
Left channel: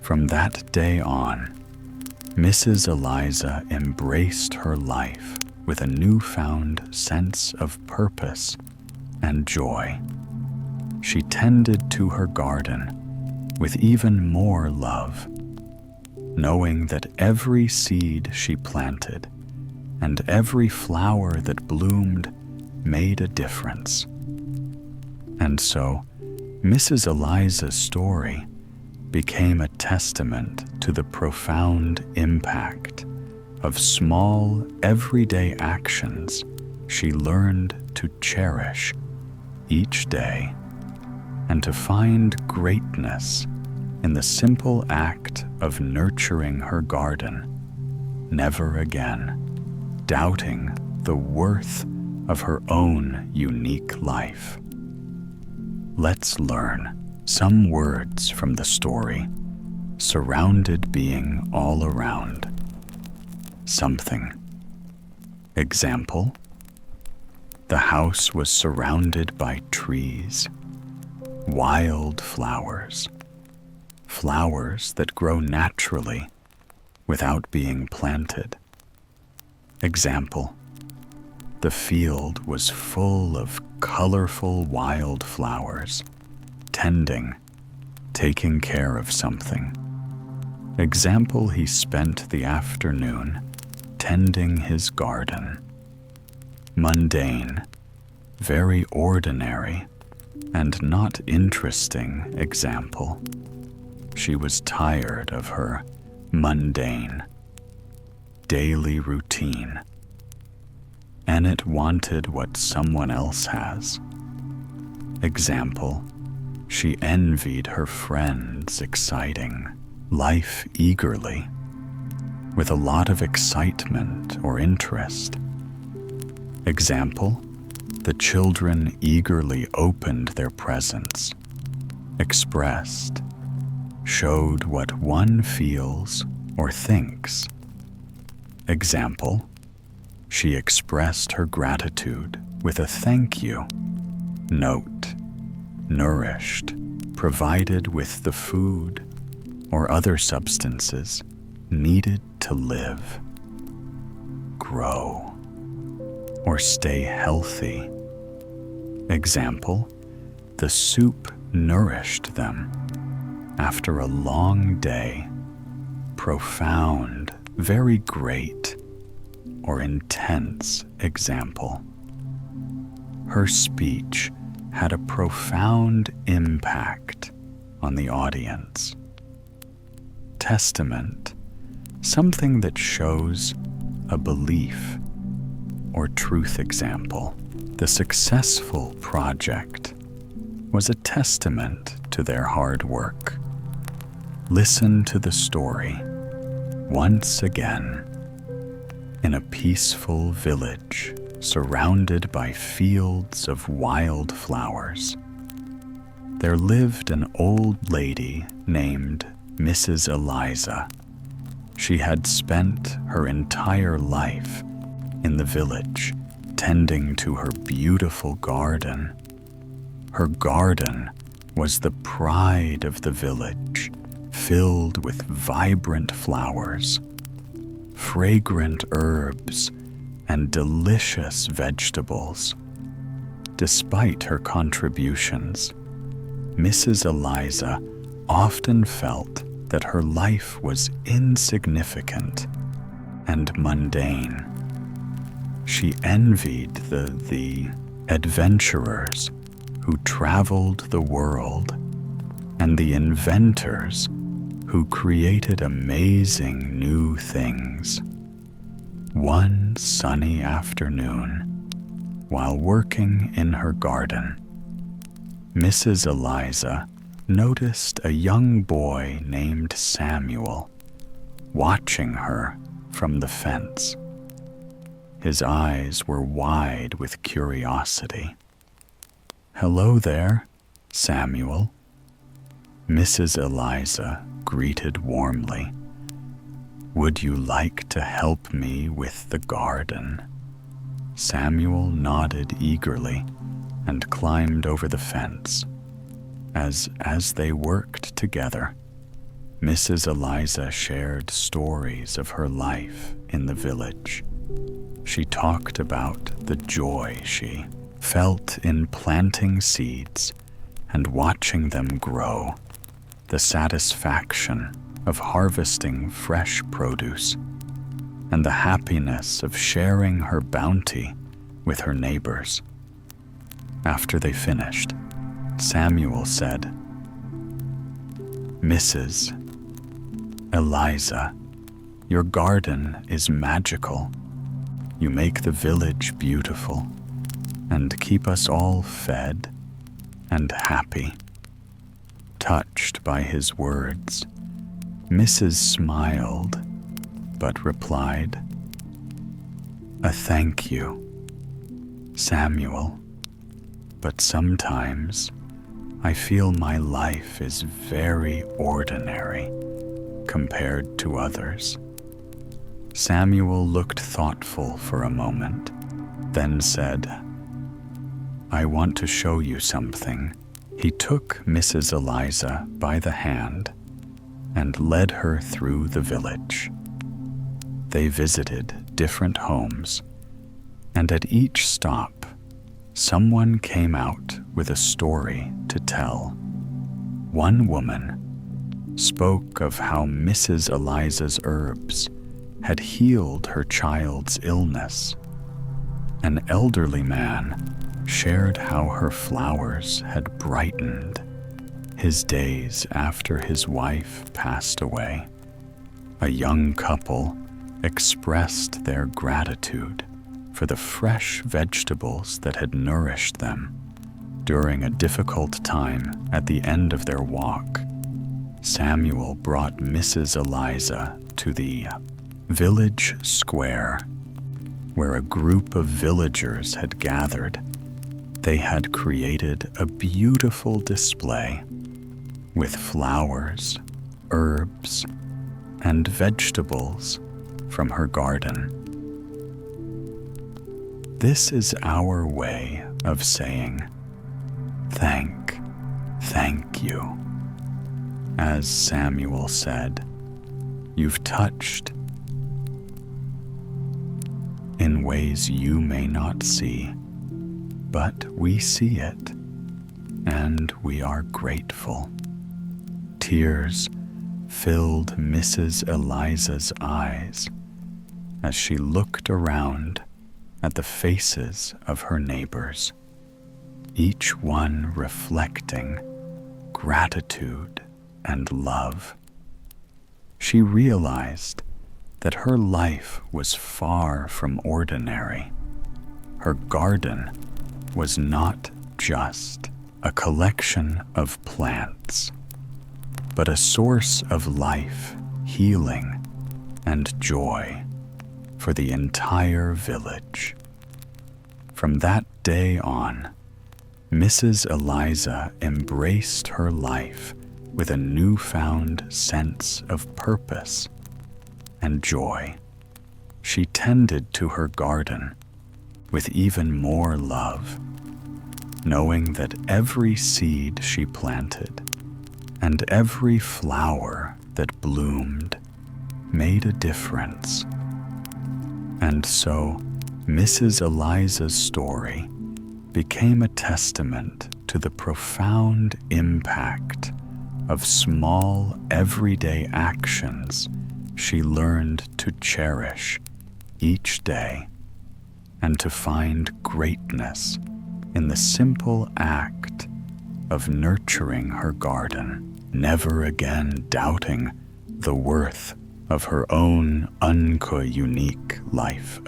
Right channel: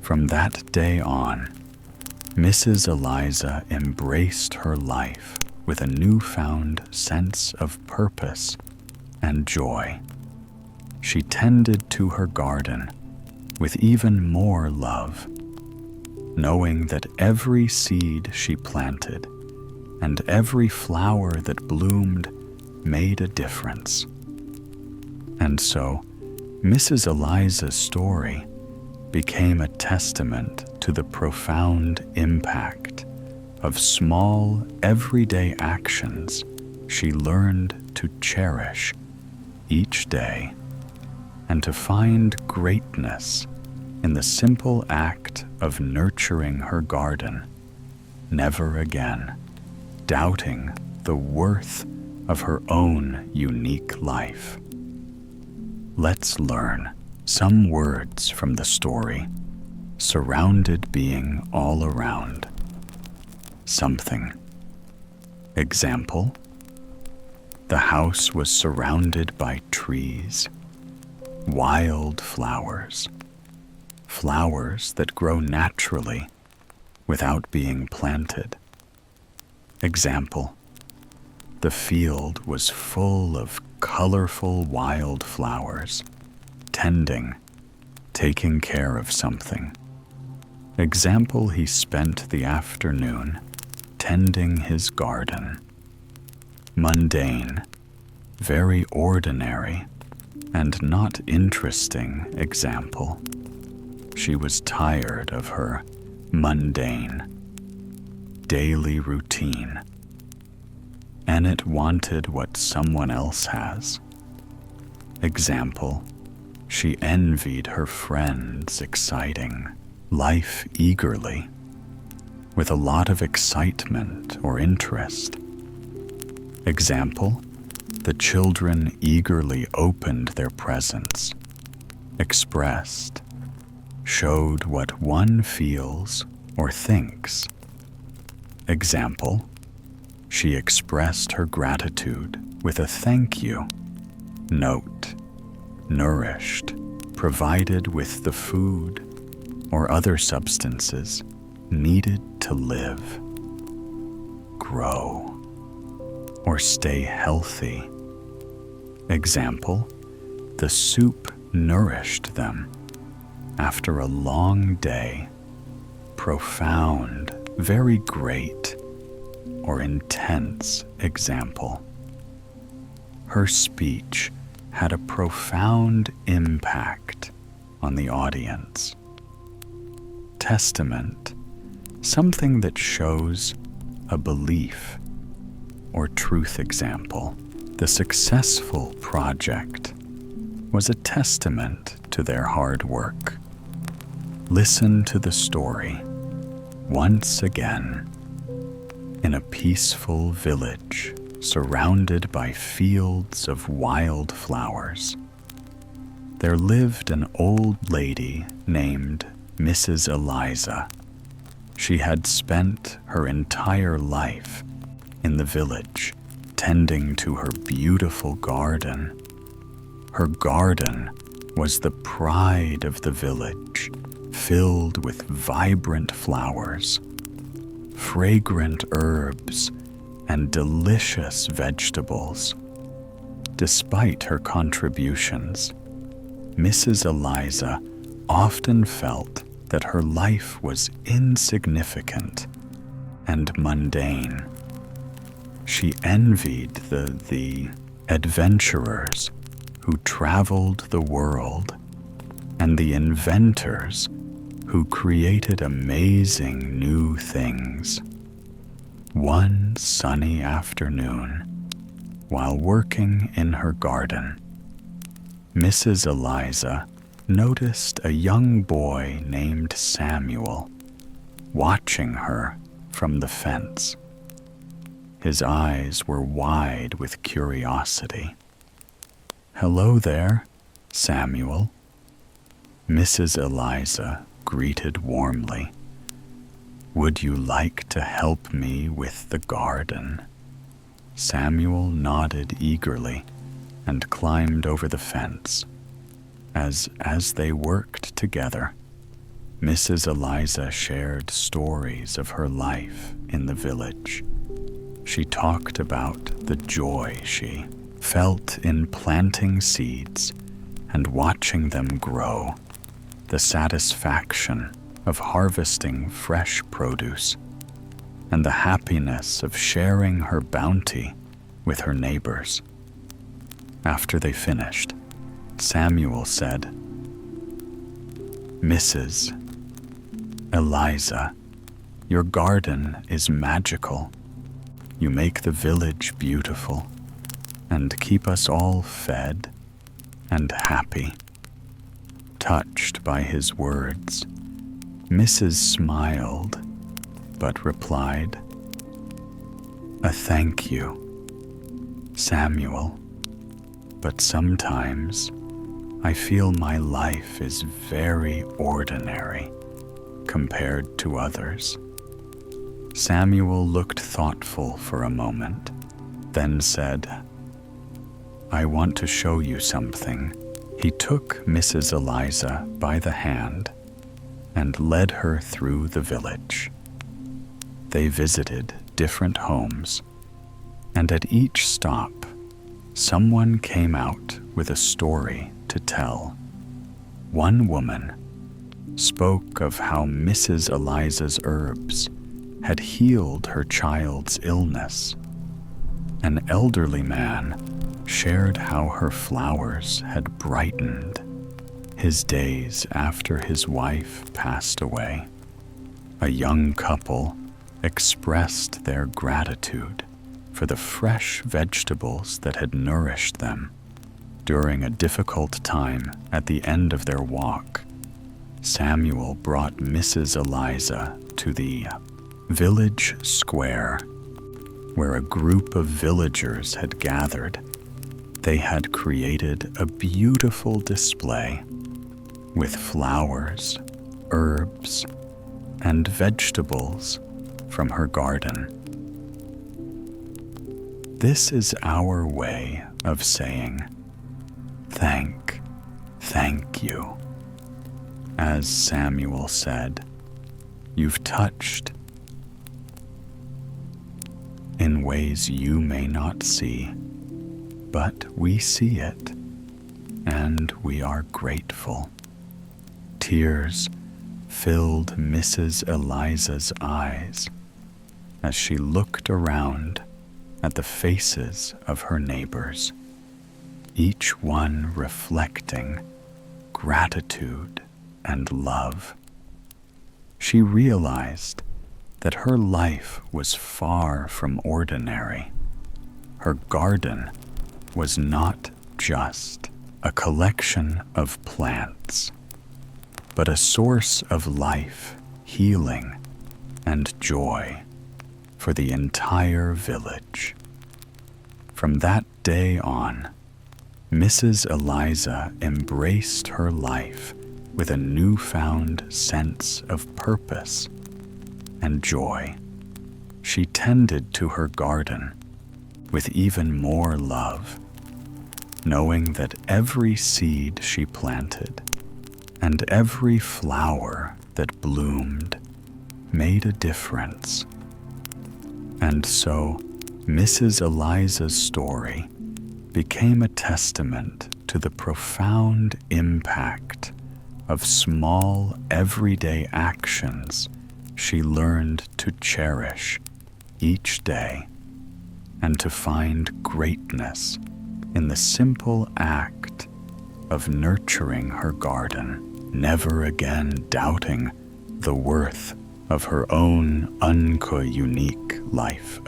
From that day on, Mrs. Eliza embraced her life with a newfound sense of purpose and joy. She tended to her garden with even more love, knowing that every seed she planted and every flower that bloomed made a difference. And so, Mrs. Eliza's story became a testament to the profound impact of small, everyday actions she learned to cherish each day and to find greatness in the simple act of nurturing her garden, never again doubting the worth of her own unique life. Let's learn some words from the story, surrounded being all around. Something. Example: the house was surrounded by trees, wild flowers, flowers that grow naturally without being planted. Example: the field was full of colorful wild flowers, taking care of something. Example: he spent the afternoon tending his garden. Mundane, very ordinary, and not interesting example. She was tired of her mundane, daily routine, and it wanted what someone else has. Example: she envied her friend's exciting life eagerly, with a lot of excitement or interest. Example: the children eagerly opened their presents, expressed, showed what one feels or thinks. Example: she expressed her gratitude with a thank you, Note: nourished, provided with the food or other substances needed to live, grow, or stay healthy. Example: the soup nourished them after a long day. Profound, very great, or intense example. Her speech had a profound impact on the audience. Testament, something that shows a belief or truth example. The successful project was a testament to their hard work. Listen to the story once again. In a peaceful village surrounded by fields of wild flowers, there lived an old lady named Mrs. Eliza. She had spent her entire life in the village tending to her beautiful garden. Her garden was the pride of the village, filled with vibrant flowers, fragrant herbs, and delicious vegetables. Despite her contributions, Mrs. Eliza often felt that her life was insignificant and mundane. She envied the adventurers who traveled the world and the inventors who created amazing new things. One sunny afternoon, while working in her garden, Mrs. Eliza noticed a young boy named Samuel watching her from the fence. His eyes were wide with curiosity. "Hello there, Samuel," Mrs. Eliza greeted warmly. "Would you like to help me with the garden?" Samuel nodded eagerly and climbed over the fence. As they worked together, Mrs. Eliza shared stories of her life in the village. She talked about the joy she felt in planting seeds and watching them grow, the satisfaction of harvesting fresh produce, and the happiness of sharing her bounty with her neighbors. After they finished, Samuel said, "Mrs. Eliza, your garden is magical. You make the village beautiful and keep us all fed and happy." Touched by his words, Mrs. smiled, but replied, "A thank you, Samuel, but sometimes I feel my life is very ordinary compared to others." Samuel looked thoughtful for a moment, then said, "I want to show you something." He took Mrs. Eliza by the hand and led her through the village. They visited different homes, and at each stop, someone came out with a story to tell. One woman spoke of how Mrs. Eliza's herbs had healed her child's illness. An elderly man shared how her flowers had brightened his days after his wife passed away. A young couple expressed their gratitude for the fresh vegetables that had nourished them during a difficult time at the end of their walk. Samuel brought Mrs. Eliza to the village square, where a group of villagers had gathered. They had created a beautiful display with flowers, herbs, and vegetables from her garden. This is our way of saying Thank you. As Samuel said, you've touched in ways you may not see, but we see it, and we are grateful. Tears filled Mrs. Eliza's eyes as she looked around at the faces of her neighbors, each one reflecting gratitude and love. She realized that her life was far from ordinary. Her garden was not just a collection of plants, but a source of life, healing, and joy for the entire village. From that day on, Mrs. Eliza embraced her life with a newfound sense of purpose and joy. She tended to her garden with even more love, knowing that every seed she planted and every flower that bloomed made a difference. And so, Mrs. Eliza's story became a testament to the profound impact of small, everyday actions she learned to cherish each day, and to find greatness in the simple act of nurturing her garden, never again doubting the worth of her own unique life.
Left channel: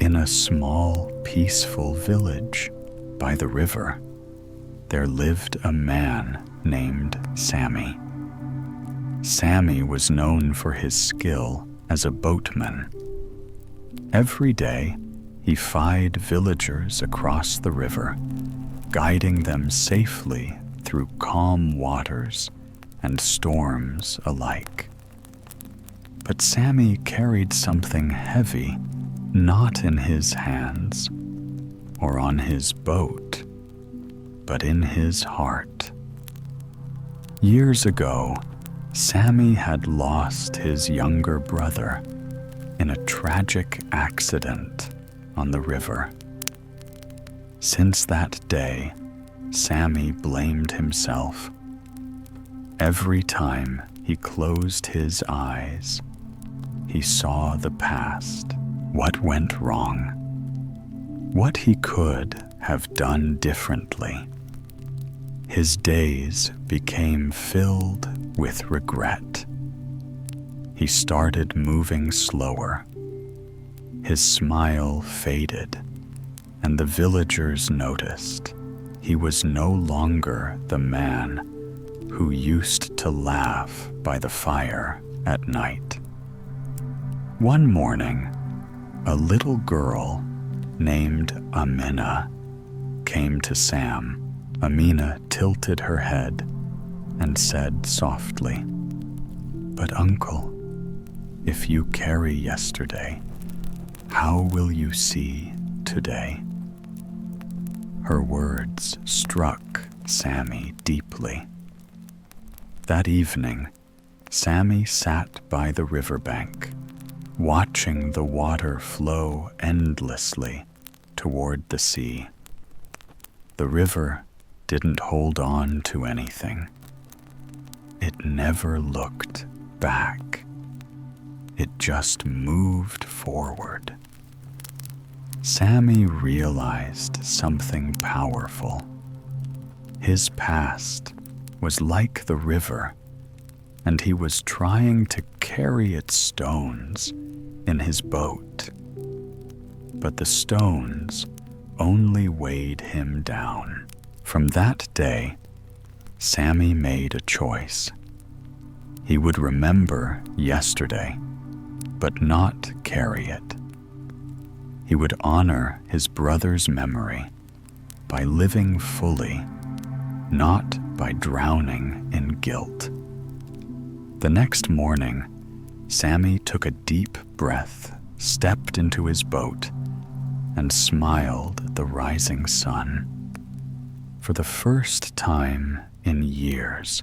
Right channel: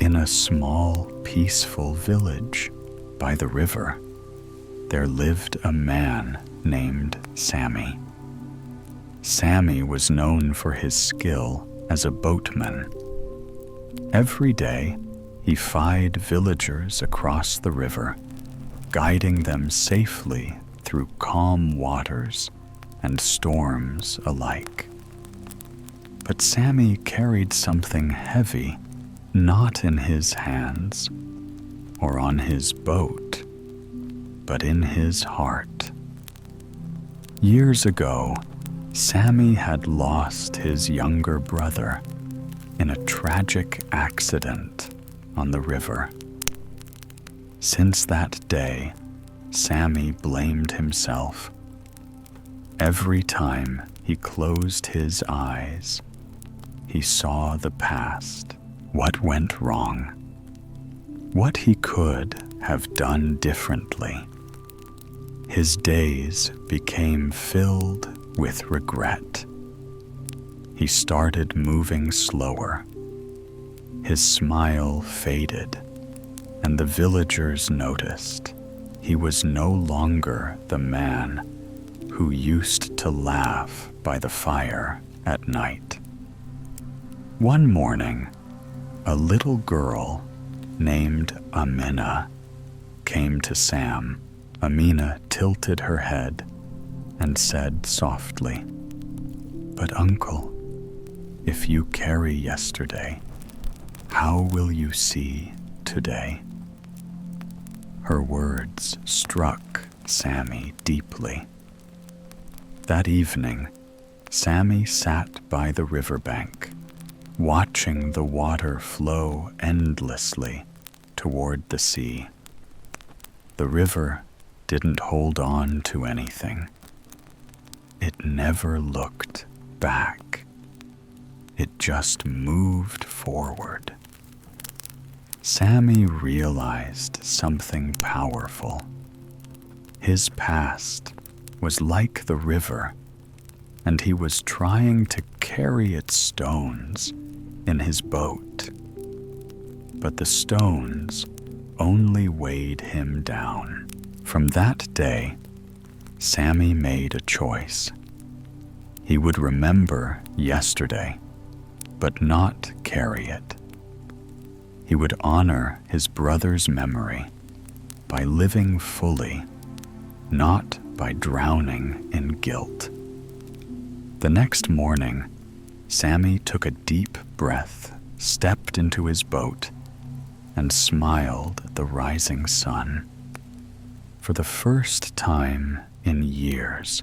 In a small, peaceful village by the river, there lived a man named Sammy. Sammy was known for his skill as a boatman. Every day, he fied villagers across the river, guiding them safely through calm waters and storms alike. But Sammy carried something heavy, not in his hands or on his boat, but in his heart. Years ago, Sammy had lost his younger brother in a tragic accident on the river. Since that day, Sammy blamed himself. Every time he closed his eyes, he saw the past, what went wrong, what he could have done differently. His days became filled with regret. He started moving slower. His smile faded, and the villagers noticed he was no longer the man who used to laugh by the fire at night. One morning, a little girl named Amina came to Sam. Amina tilted her head and said softly, "But uncle, if you carry yesterday, how will you see today?" Her words struck Sammy deeply. That evening, Sammy sat by the riverbank, watching the water flow endlessly toward the sea. The river didn't hold on to anything. It never looked back. It just moved forward. Sammy realized something powerful. His past was like the river, and he was trying to carry its stones in his boat. But the stones only weighed him down. From that day, Sammy made a choice. He would remember yesterday, but not carry it. He would honor his brother's memory by living fully, not by drowning in guilt. The next morning, Sammy took a deep breath, stepped into his boat, and smiled at the rising sun. For the first time in years,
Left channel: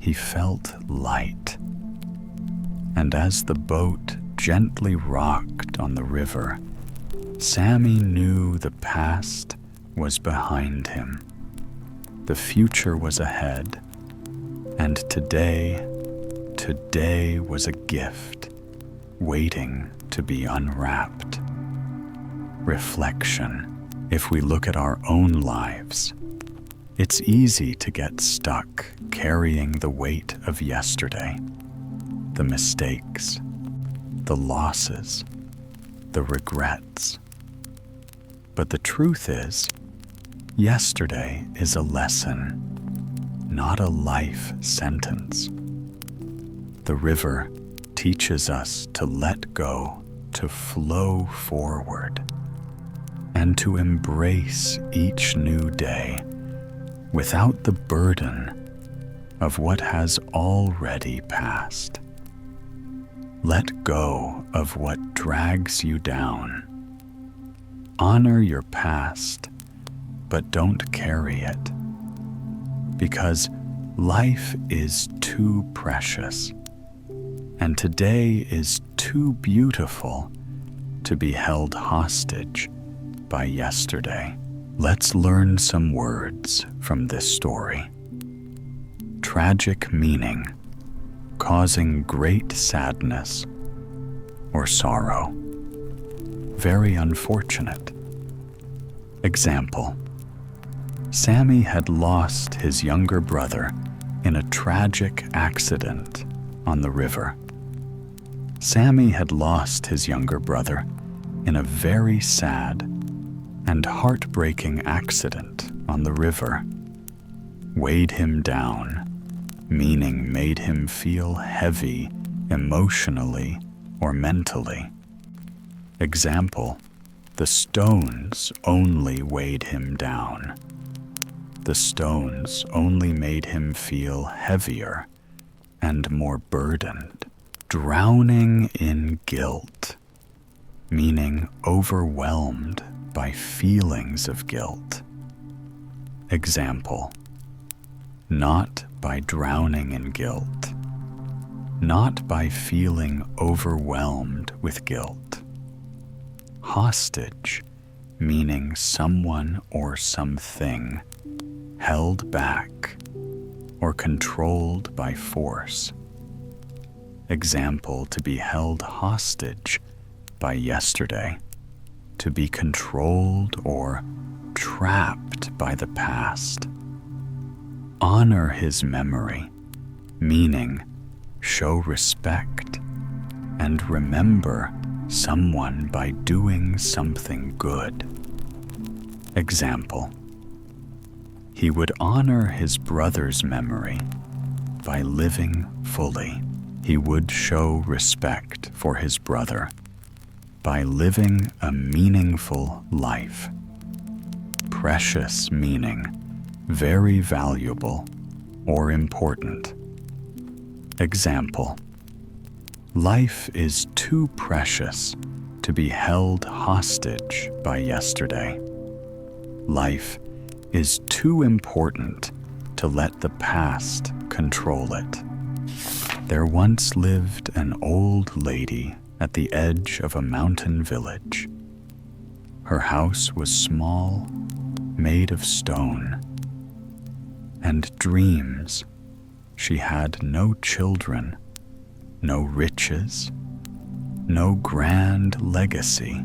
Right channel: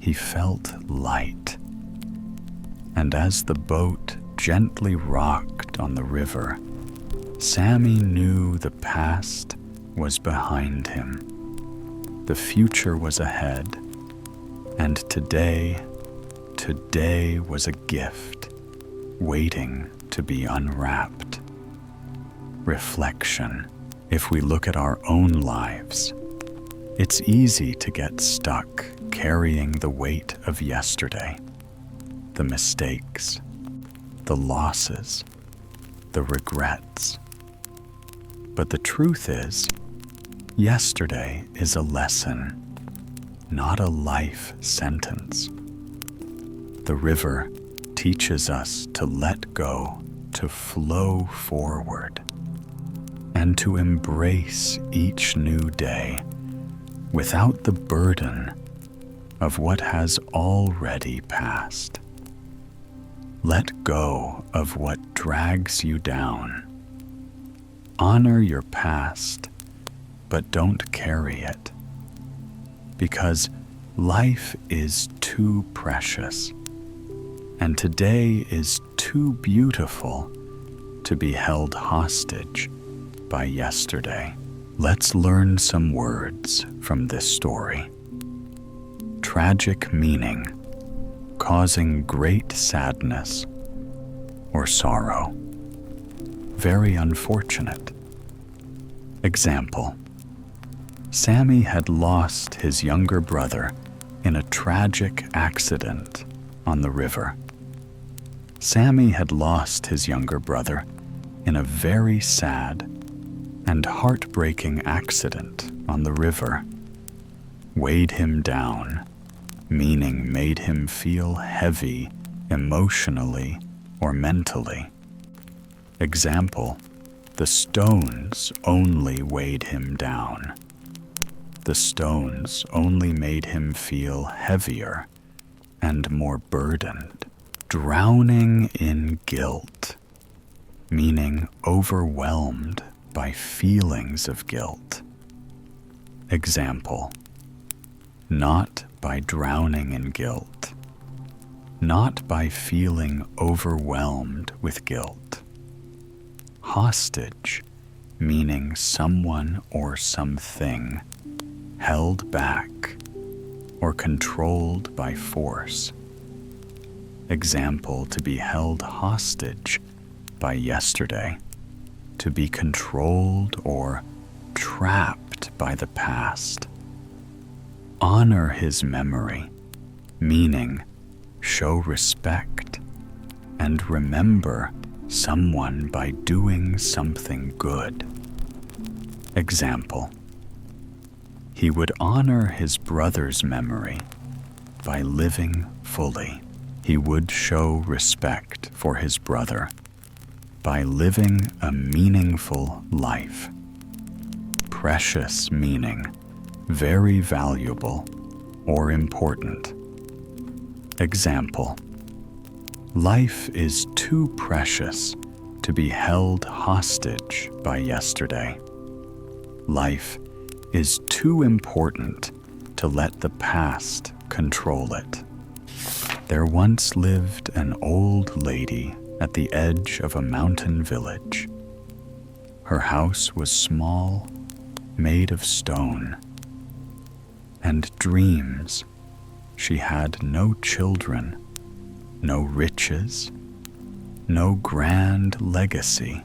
he felt light. And as the boat gently rocked on the river, Sammy knew the past was behind him. The future was ahead, and today was a gift waiting to be unwrapped. Reflection. If we look at our own lives, it's easy to get stuck carrying the weight of yesterday, the mistakes, the losses, the regrets. But the truth is, yesterday is a lesson, not a life sentence. The river teaches us to let go, to flow forward, and to embrace each new day without the burden of what has already passed. Let go of what drags you down. Honor your past, but don't carry it, because life is too precious, and today is too beautiful to be held hostage by yesterday. Let's learn some words from this story. Tragic meaning, causing great sadness or sorrow. Very unfortunate. Example: Sammy had lost his younger brother in a tragic accident on the river. Sammy had lost his younger brother in a very sad and heartbreaking accident on the river. Weighed him down, meaning made him feel heavy emotionally or mentally. Example: the stones only weighed him down. The stones only made him feel heavier and more burdened. Drowning in guilt, meaning overwhelmed by feelings of guilt. Example: not by drowning in guilt, not by feeling overwhelmed with guilt. Hostage, meaning someone or something held back or controlled by force. Example: to be held hostage by yesterday, to be controlled or trapped by the past. Honor his memory, meaning show respect and remember someone by doing something good. Example: he would honor his brother's memory by living fully. He would show respect for his brother by living a meaningful life. Precious meaning very valuable or important. Example: life is too precious to be held hostage by yesterday. Life is too important to let the past control it. There once lived an old lady at the edge of a mountain village. Her house was small, made of stone, and dreams. She had no children, no riches, no grand legacy,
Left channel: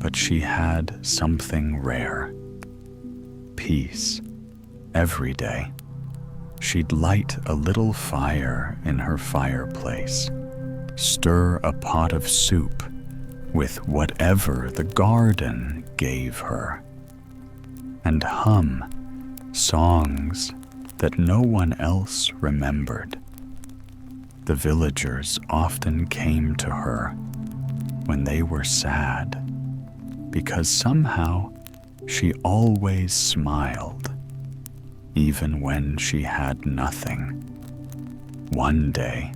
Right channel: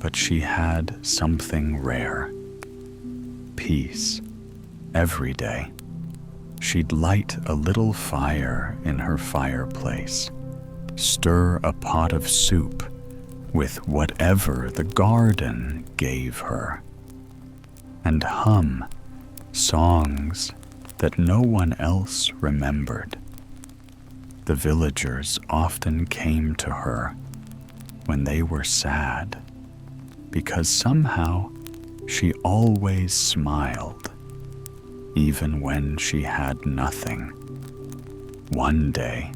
but she had something rare: peace. Every day, she'd light a little fire in her fireplace, stir a pot of soup with whatever the garden gave her, and hum songs that no one else remembered. The villagers often came to her when they were sad, because somehow she always smiled, even when she had nothing. One day,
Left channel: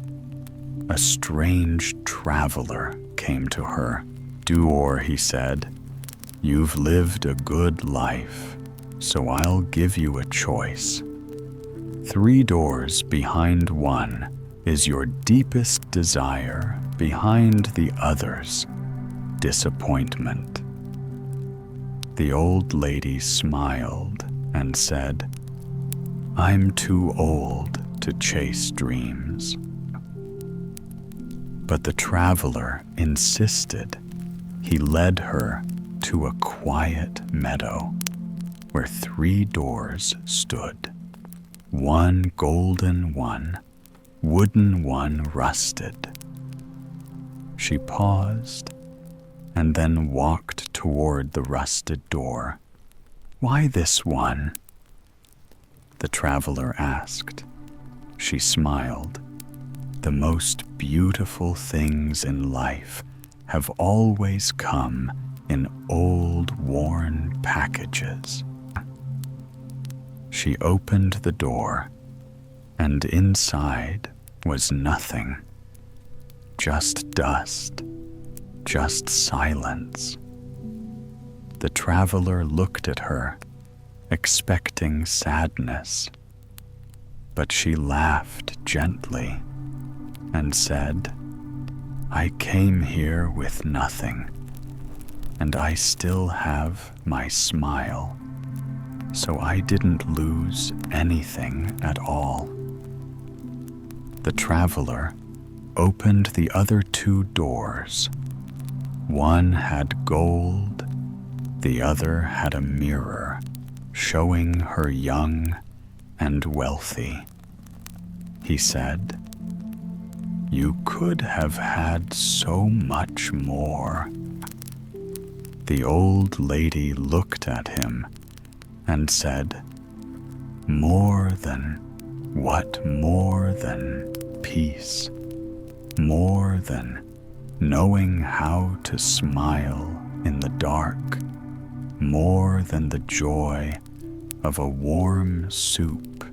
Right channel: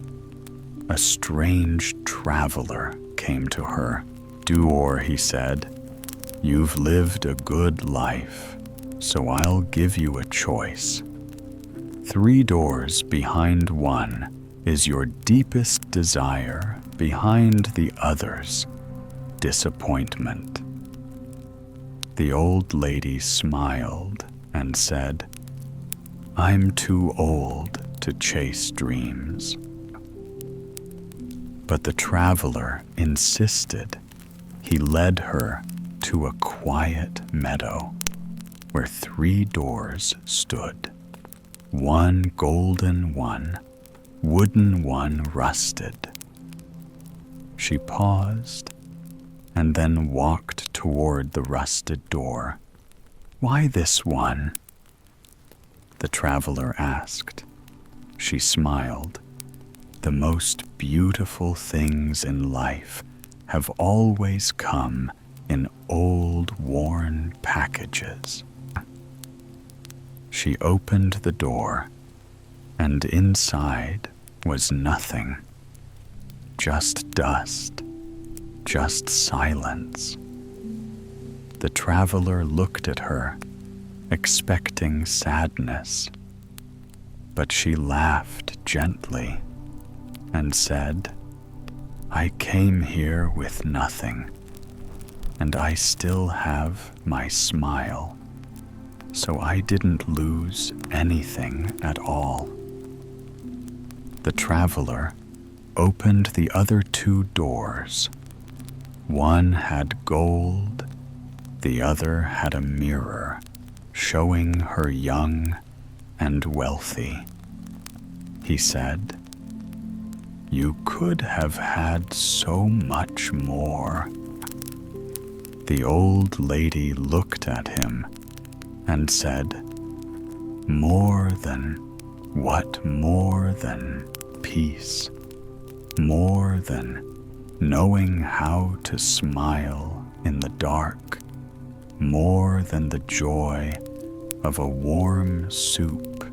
a strange traveler came to her. "Duor," he said, "you've lived a good life. so I'll give you a choice. 3 doors behind one is your deepest desire, behind the others, disappointment. The old lady smiled and said, I'm too old to chase dreams. But the traveler insisted. He led her to a quiet meadow where 3 doors stood. One golden one, wooden one rusted. She paused and then walked toward the rusted door. Why this one? The traveler asked. She smiled. The most beautiful things in life have always come in old, worn packages. She opened the door, and inside was nothing. Just dust, just silence. The traveler looked at her, expecting sadness, but she laughed gently and said, I came here with nothing, and I still have my smile, so I didn't lose anything at all. The traveler opened the other 2 doors. One had gold, the other had a mirror showing her young and wealthy. He said, You could have had so much more. The old lady looked at him and said, More than what? More than peace, more than knowing how to smile in the dark, more than the joy of a warm soup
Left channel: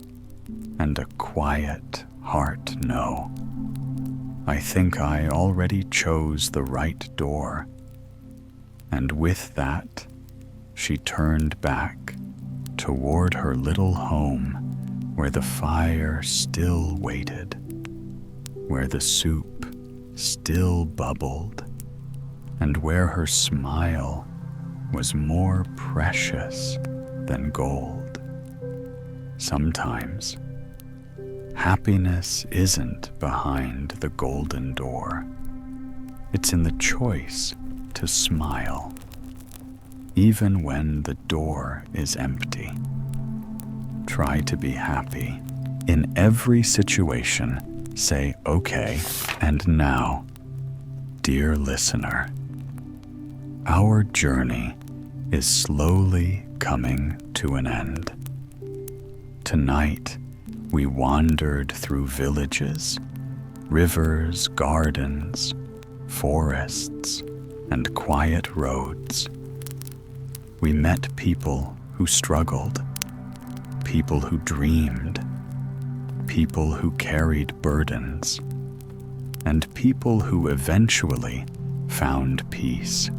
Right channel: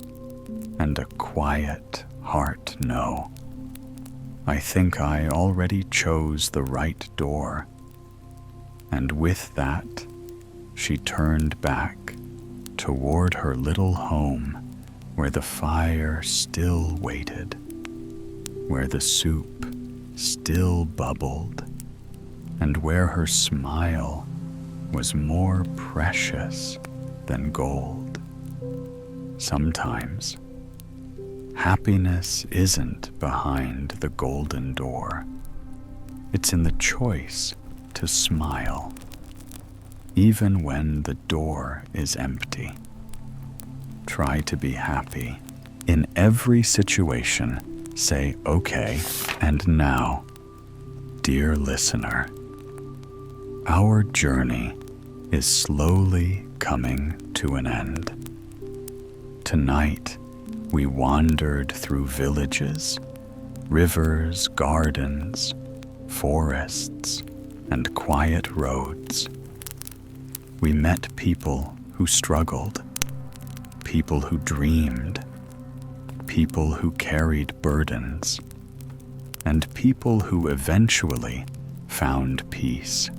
and a quiet heart. No, I think I already chose the right door. And with that, she turned back toward her little home where the fire still waited, where the soup still bubbled, and where her smile was more precious than gold. Sometimes, happiness isn't behind the golden door. It's in the choice to smile, even when the door is empty. Try to be happy. In every situation, say, okay, and now, dear listener, our journey is slowly coming to an end. Tonight, we wandered through villages, rivers, gardens, forests, and quiet roads. We met people who struggled, people who dreamed, people who carried burdens, and people who eventually found peace.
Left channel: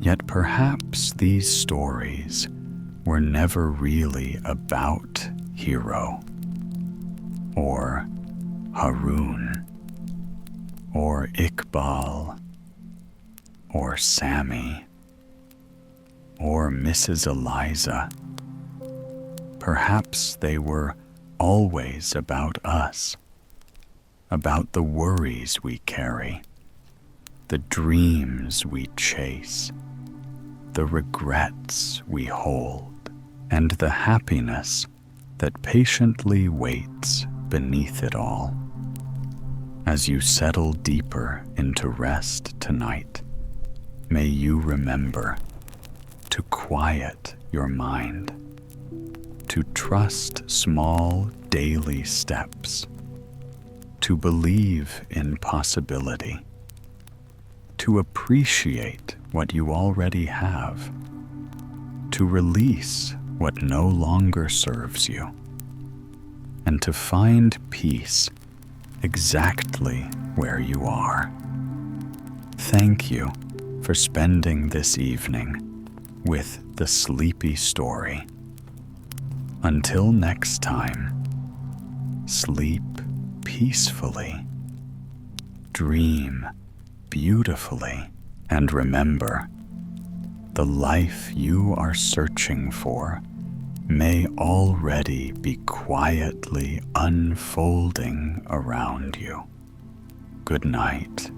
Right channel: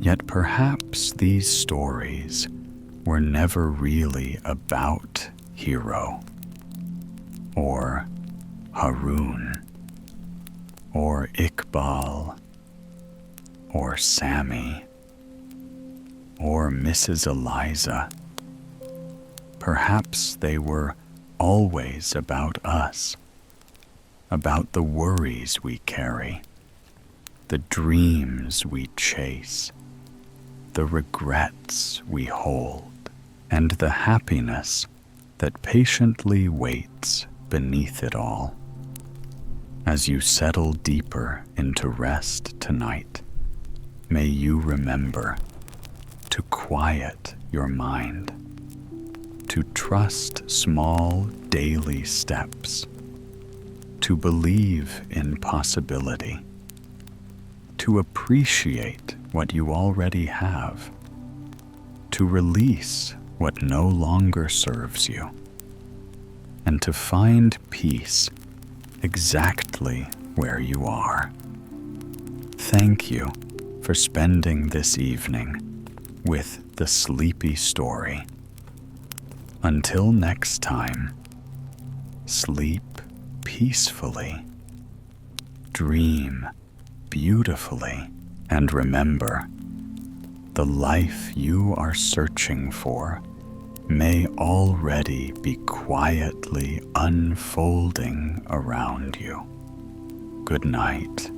Yet perhaps these stories were never really about Hero, or Haroon, or Iqbal, or Sammy, or Mrs. Eliza. Perhaps they were always about us, about the worries we carry, the dreams we chase, the regrets we hold, and the happiness that patiently waits beneath it all. As you settle deeper into rest tonight, may you remember to quiet your mind, to trust small daily steps, to believe in possibility, to appreciate what you already have, to release what no longer serves you, and to find peace exactly where you are. Thank you for spending this evening with the sleepy story. Until next time, sleep peacefully, dream beautifully, and remember, the life you are searching for may already be quietly unfolding around you. Good night.